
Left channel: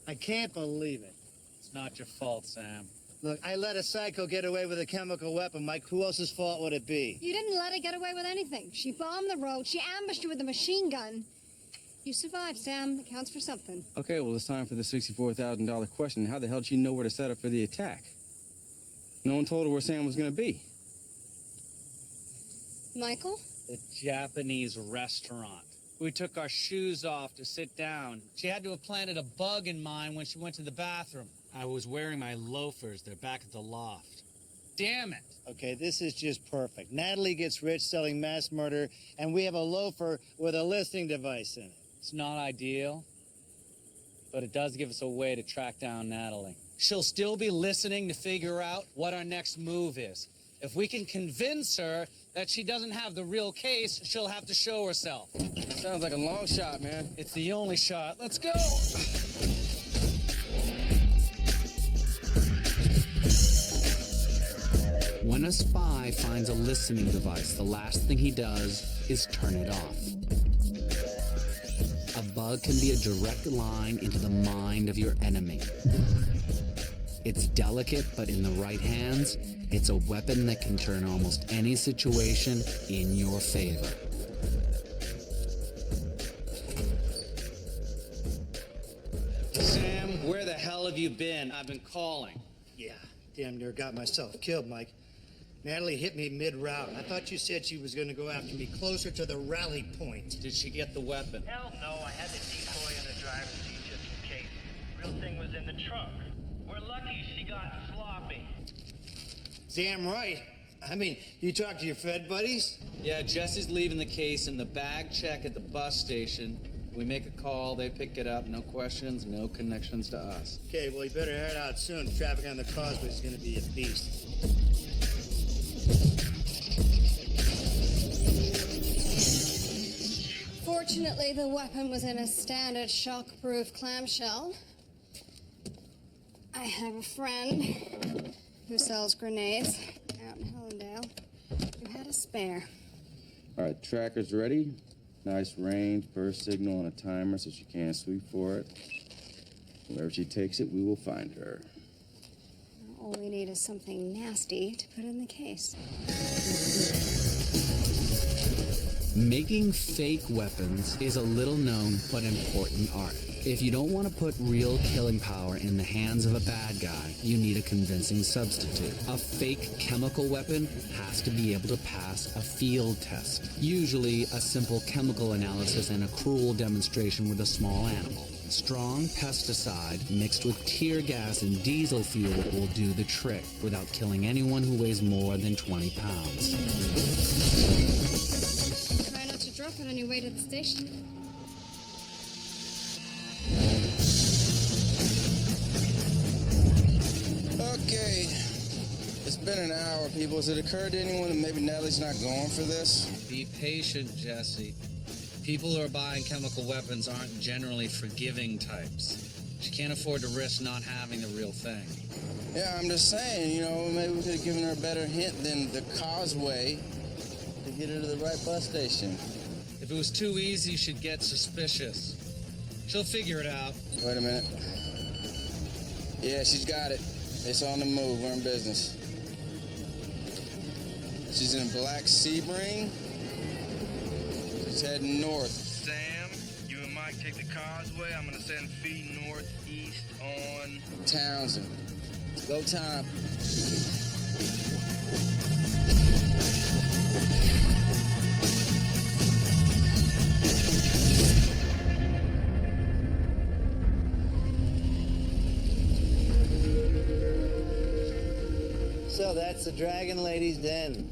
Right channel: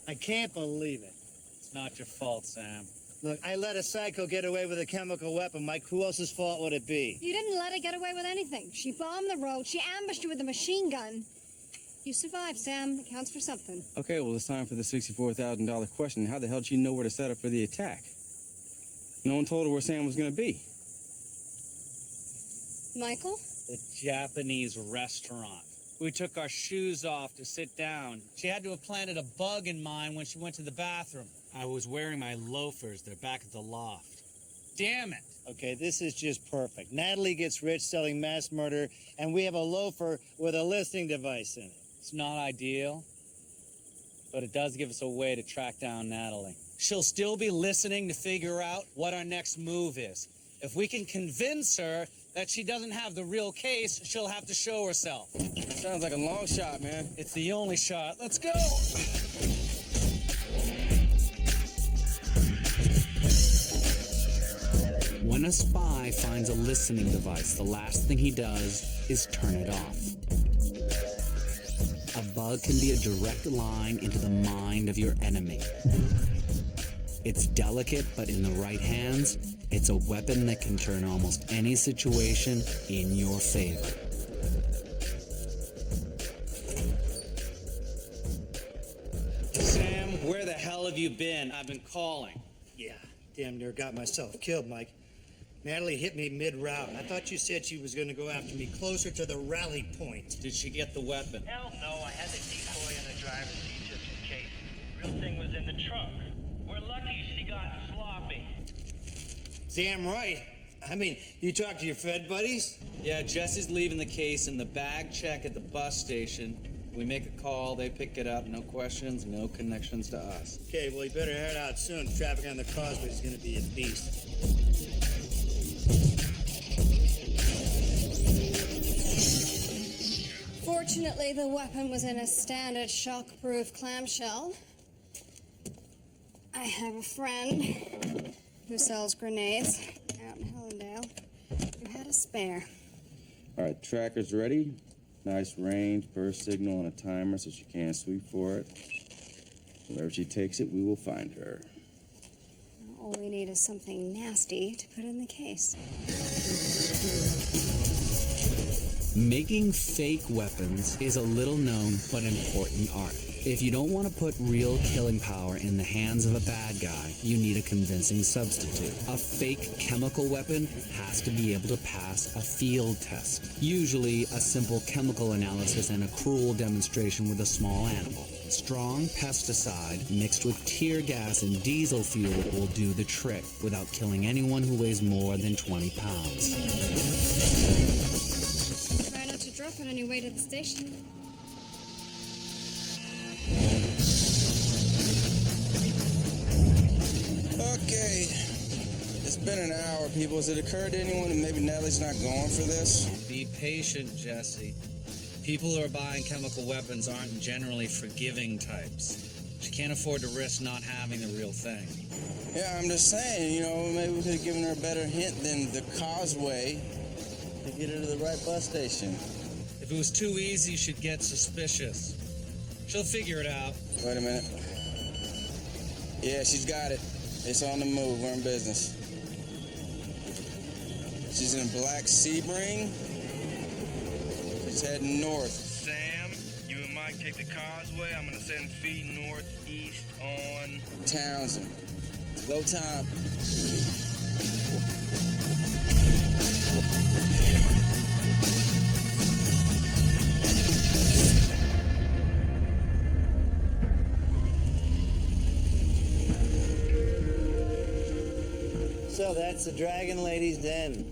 I can't believe it. It's not your fault, Sam. Look, I let a psycho get away with a chemical weapon, Mike. Who else's fault would it be? You didn't let her get away with anything. She bombed the road. She ambushed you with a machine gun. You survived, Sam. It counts for something. Okay, well, it's time for the $64,000 question. How the hell did she know where to set up for the attack? No one told her where Sam was going to be. Michael? The Japanese restaurant. We took our shoes off to sit down. She had to have planted a bug in mine when she went to the bathroom. I was wearing my loafers. They're back at the loft. Damn it. Okay, this is just perfect. Natalie gets rich selling mass murder, and we have a loafer with a listening device in it. It's not ideal, but it does give us a way to track down Natalie. She'll still be listening to figure out what our next move is. If we can convince her that she doesn't have the real case, she'll have to show herself. Sounds like a long shot, man. It's the only shot. Let's go! When a spy finds a listening device, the last thing he does is turn it off. A bug can be a direct line into the mind of your enemy. It's delicate, but in the right hands, it's a weapon that can turn almost any situation in your favor. Sam, where the hell have you been? I've been calling. Yeah, damn near got myself killed, Mike. Natalie hit me mid-route. I thought you said she was going to go after me closer to the rally point. Did she get the weapon? Hell no, I had the decoy in the driver's seat just in case. Real thing was in the trunk. We're lucky she got sloppy. Damn right. I mean, you talk to your Fed buddies? Yeah, Jesse's leaving the case in the bag check at the bus station. We make a call, they pick it up, no questions, no connections to us. Okay, well, you better head out soon. Traffic on the causeway is going to be a beast. Fortunately, the weapon was in a standard shock-proof clamshell. I have a friend who sells grenades out in Hellendale who had a spare. All right, tracker's ready. Nice range, burst signal, and a timer so she can't sweep for it. Wherever she takes it, we will find her. All we need is something nasty to put in the case. Making fake weapons is a little known but important art. If you don't want to put real killing power in the hands of a bad guy, you need a convincing substitute. A fake chemical weapon has to be able to pass a field test, usually a simple chemical analysis and a cruel demonstration with a small animal. Strong pesticide mixed with tear gas and diesel fuel will do the trick without killing anyone who weighs more than 20 pounds. Try not to drop it on your way to the station. Okay. It's been an hour, people. Has it occurred to anyone that maybe Natalie's not going for this? Be patient, Jesse. People who are buying chemical weapons aren't generally forgiving types. She can't afford to risk not having the real thing. Yeah, I'm just saying, you know, maybe we could have given her a better hint than the causeway to get her to the right bus station. If it was too easy, she'd get suspicious. She'll figure it out. Wait a minute. Yeah, she's got it. It's on the move. We're in business. She's in a black Sebring. She's heading north. Sam, you and Mike take the causeway. I'm gonna send feet northeast on Townsend. Go time. So that's the Dragon Lady's Den.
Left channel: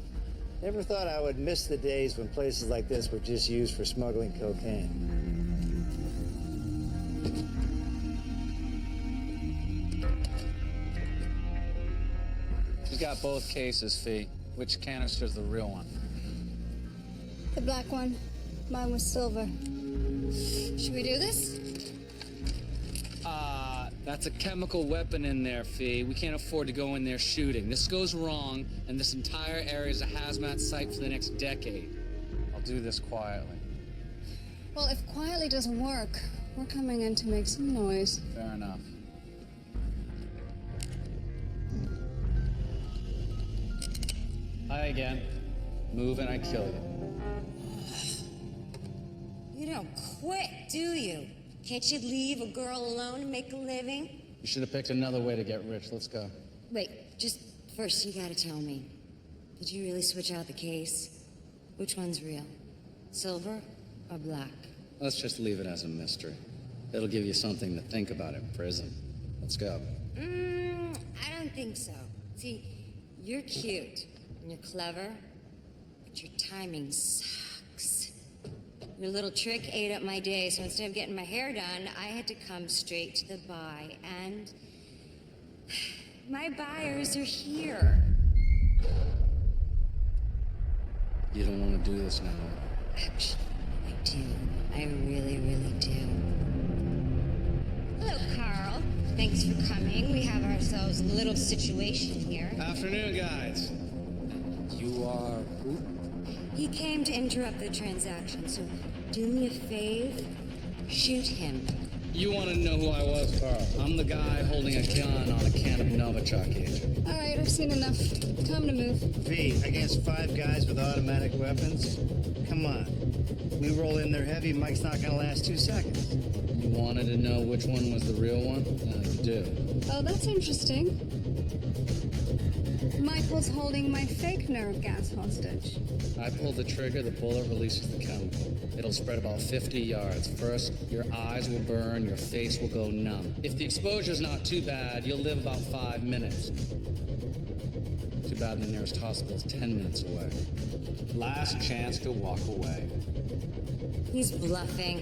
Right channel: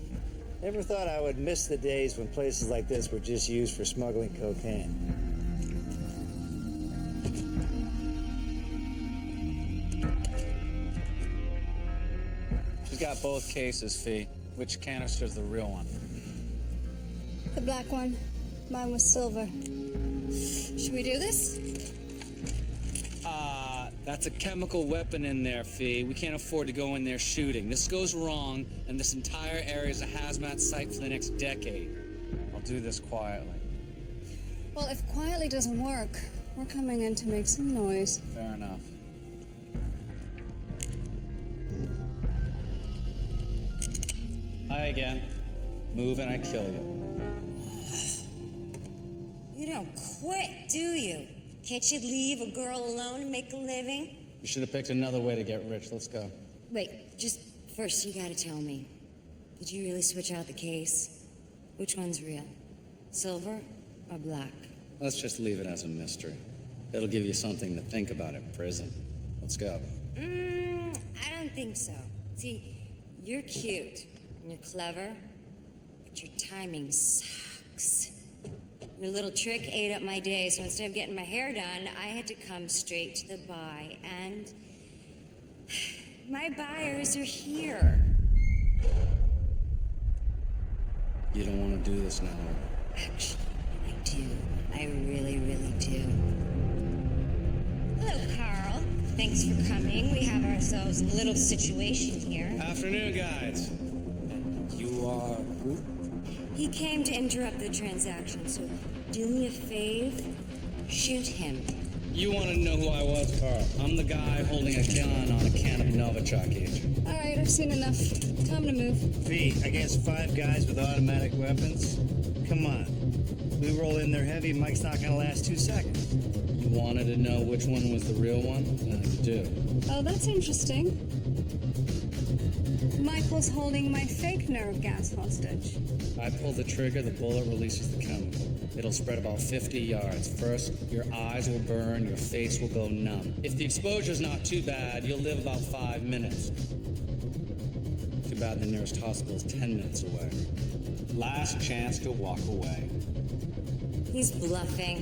Never thought I would miss the days when places like this were just used for smuggling cocaine. She's got both cases, Fee. Which canister's the real one? The black one. Mine was silver. Should we do this? That's a chemical weapon in there, Fee. We can't afford to go in there shooting. This goes wrong, and this entire area is a hazmat site for the next decade. I'll do this quietly. Well, if quietly doesn't work, we're coming in to make some noise. Fair enough. Hi again. Move and I kill you. You don't quit, do you? Can't you leave a girl alone and make a living? You should have picked another way to get rich. Let's go. Wait, just first you gotta tell me. Did you really switch out the case? Which one's real? Silver or black? Let's just leave it as a mystery. It'll give you something to think about in prison. Let's go. I don't think so. See, you're cute and you're clever, but your timing sucks. Your little trick ate up my day, so instead of getting my hair done, I had to come straight to the buy, and my buyers are here. You don't want to do this now. Actually, I do. I really, really do. Hello, Carl. Thanks for coming. We have ourselves a little situation here. Afternoon, guys. And you are who? He came to interrupt the transaction, so do me a fave. Shoot him. You want to know who I was, Carl? I'm the guy holding a gun on a can of Novichok agent. All right, I've seen enough. Time to move. Fee, against 5 guys with automatic weapons? Come on. We roll in there heavy, Mike's not gonna last 2 seconds. You wanted to know which one was the real one? You do. Oh, that's interesting. Michael's holding my fake nerve gas hostage. I pull the trigger, the bullet releases the chemical. It'll spread about 50 yards. First, your eyes will burn, your face will go numb. If the exposure's not too bad, you'll live about 5 minutes. Too bad the nearest hospital is 10 minutes away. Last chance to walk away. He's bluffing.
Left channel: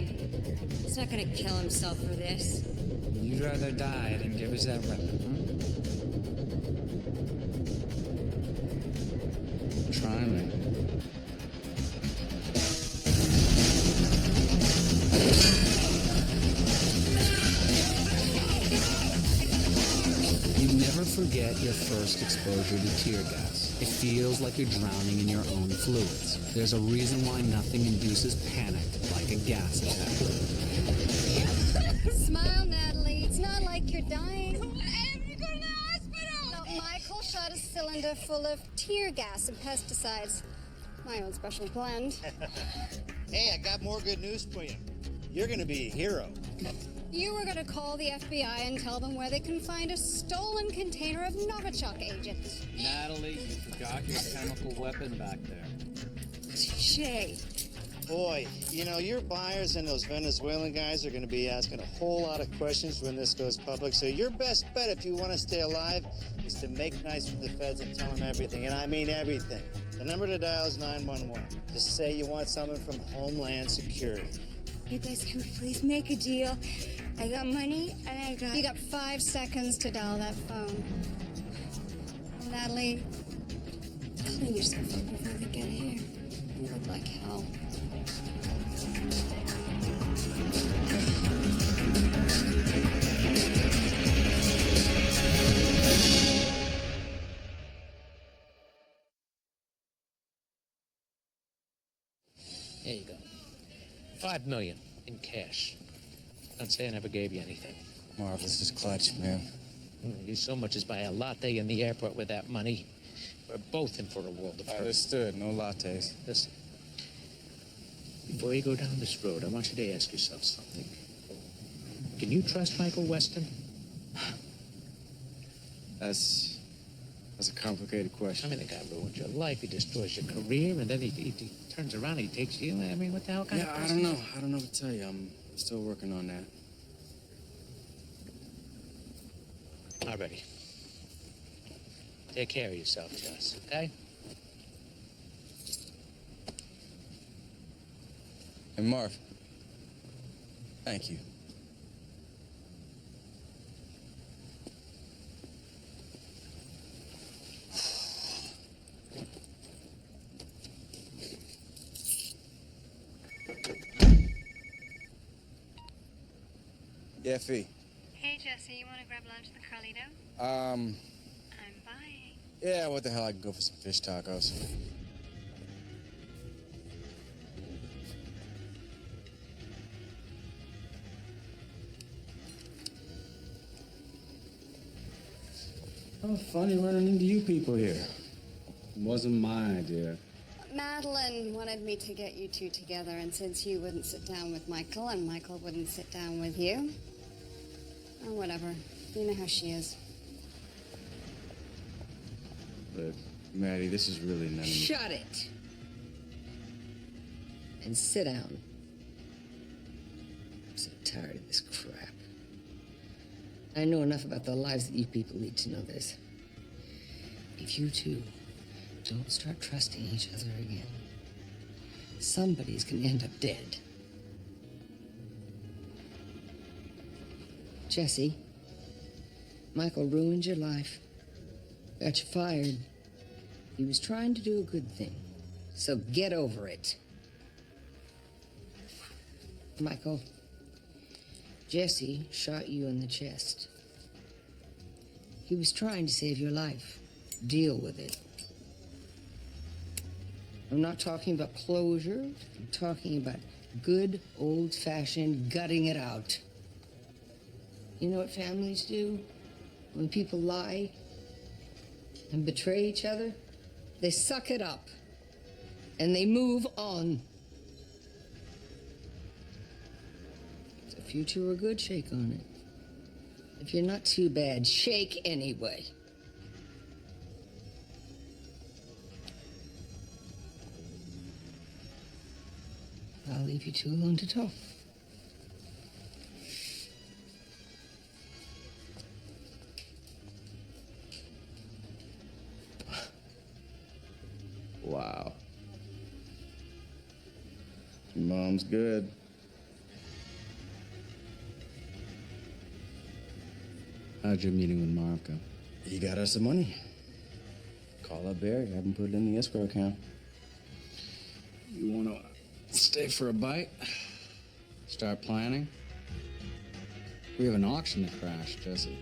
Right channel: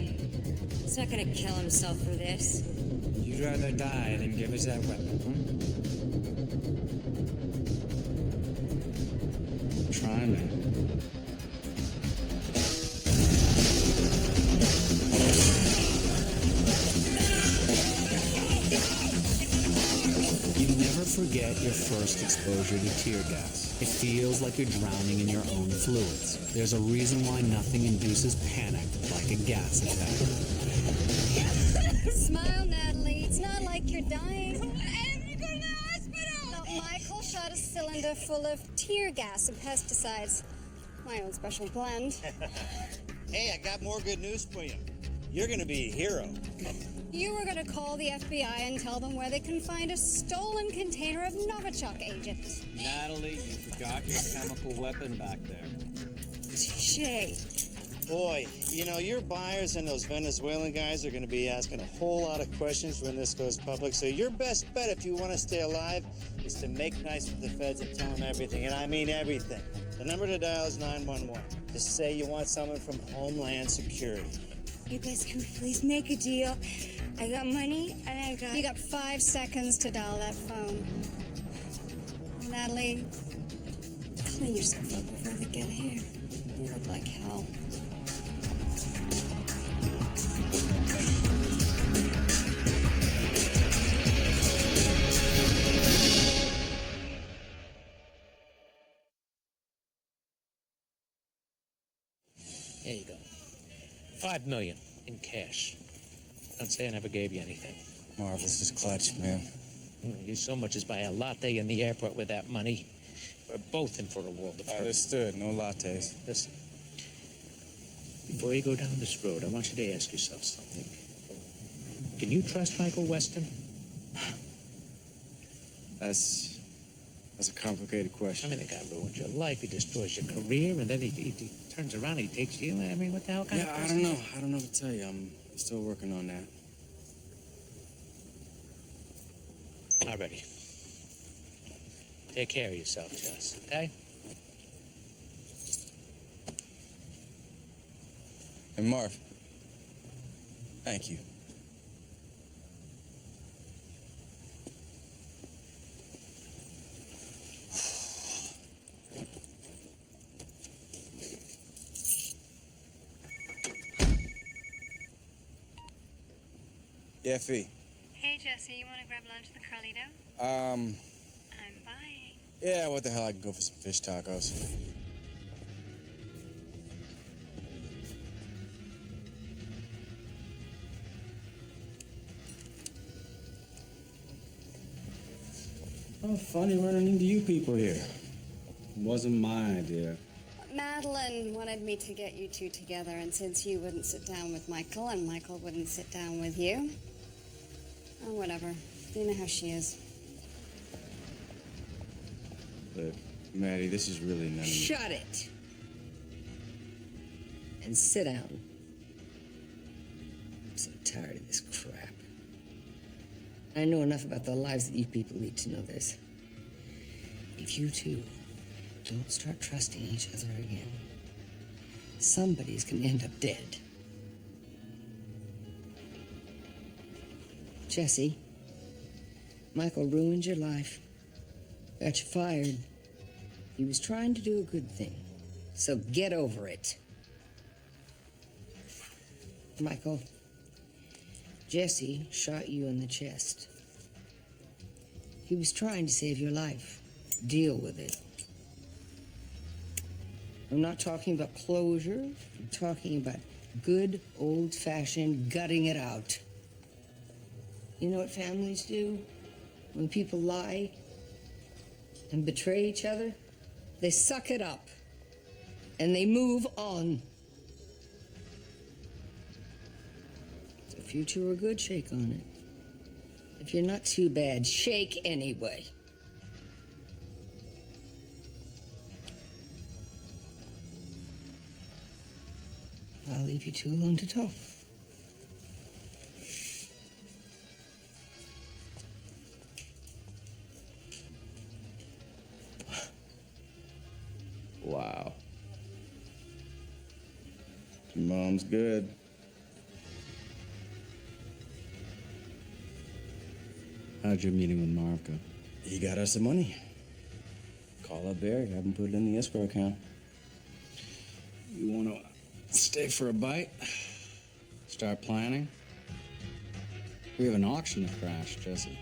He's not gonna kill himself for this. You'd rather die than give us that weapon, Try me. You never forget your first exposure to tear gas. It feels like you're drowning in your own fluids. There's a reason why nothing induces panic like a gas attack. Smile, Natalie. It's not like you're dying. I have to go to the hospital. No, Michael shot a cylinder full of tear gas and pesticides. My own special blend. Hey, I got more good news for you. You're gonna be a hero. You were going to call the FBI and tell them where they can find a stolen container of Novichok agent. Natalie, you forgot your chemical weapon back there. Touché. Boy, you know, your buyers and those Venezuelan guys are going to be asking a whole lot of questions when this goes public. So your best bet if you want to stay alive is to make nice with the feds and tell them everything. And I mean everything. The number to dial is 911. Just say you want someone from Homeland Security. You guys can please make a deal. I got money and I got... You got 5 seconds to dial that phone. Natalie, clean yourself up before they get here. You look like hell. There you go. $5 million in cash. Don't say I never gave you anything. Marv, this is clutch, man. You so much as buy a latte in the airport with that money. We're both in for a world of hurt. Understood. No lattes. Listen, before you go down this road, I want you to ask yourself something. Can you trust Michael Weston? That's a complicated question. I mean, the guy ruined your life. He destroys your career, and then he turns around and he takes you. I mean, what the hell kind of I person? don't know. I don't know what to tell you. I'm still working on that. Alrighty. Take care of yourself, Jess, okay? And Marv, thank you. Yeah, Fee. Hey, Jesse, you want to grab lunch at the Carlito? I'm buying. Yeah, what the hell? I can go for some fish tacos. Oh, funny running into you people here. It wasn't my idea. Madeline wanted me to get you two together, and since you wouldn't sit down with Michael and Michael wouldn't sit down with you, oh, whatever. You know how she is. Look, Maddie, this is really none of you. Shut it. And sit down. I'm so tired of this crap. I know enough about the lives that you people lead to know this. If you two don't start trusting each other again, somebody's gonna end up dead. Jesse, Michael ruined your life. Got you fired. He was trying to do a good thing. So get over it. Michael, Jesse shot you in the chest. He was trying to save your life. Deal with it. I'm not talking about closure. I'm talking about good, old-fashioned gutting it out. You know what families do? When people lie and betray each other, they suck it up and they move on. If you two are good, shake on it. If you're not too bad, shake anyway. I'll leave you two alone to talk. Wow. Your mom's good. How'd your meeting with Marv go? He got us some money. Call up Barry, have him put it in the escrow account. You want to stay for a bite? Start planning? We have an auction to crash, Jesse.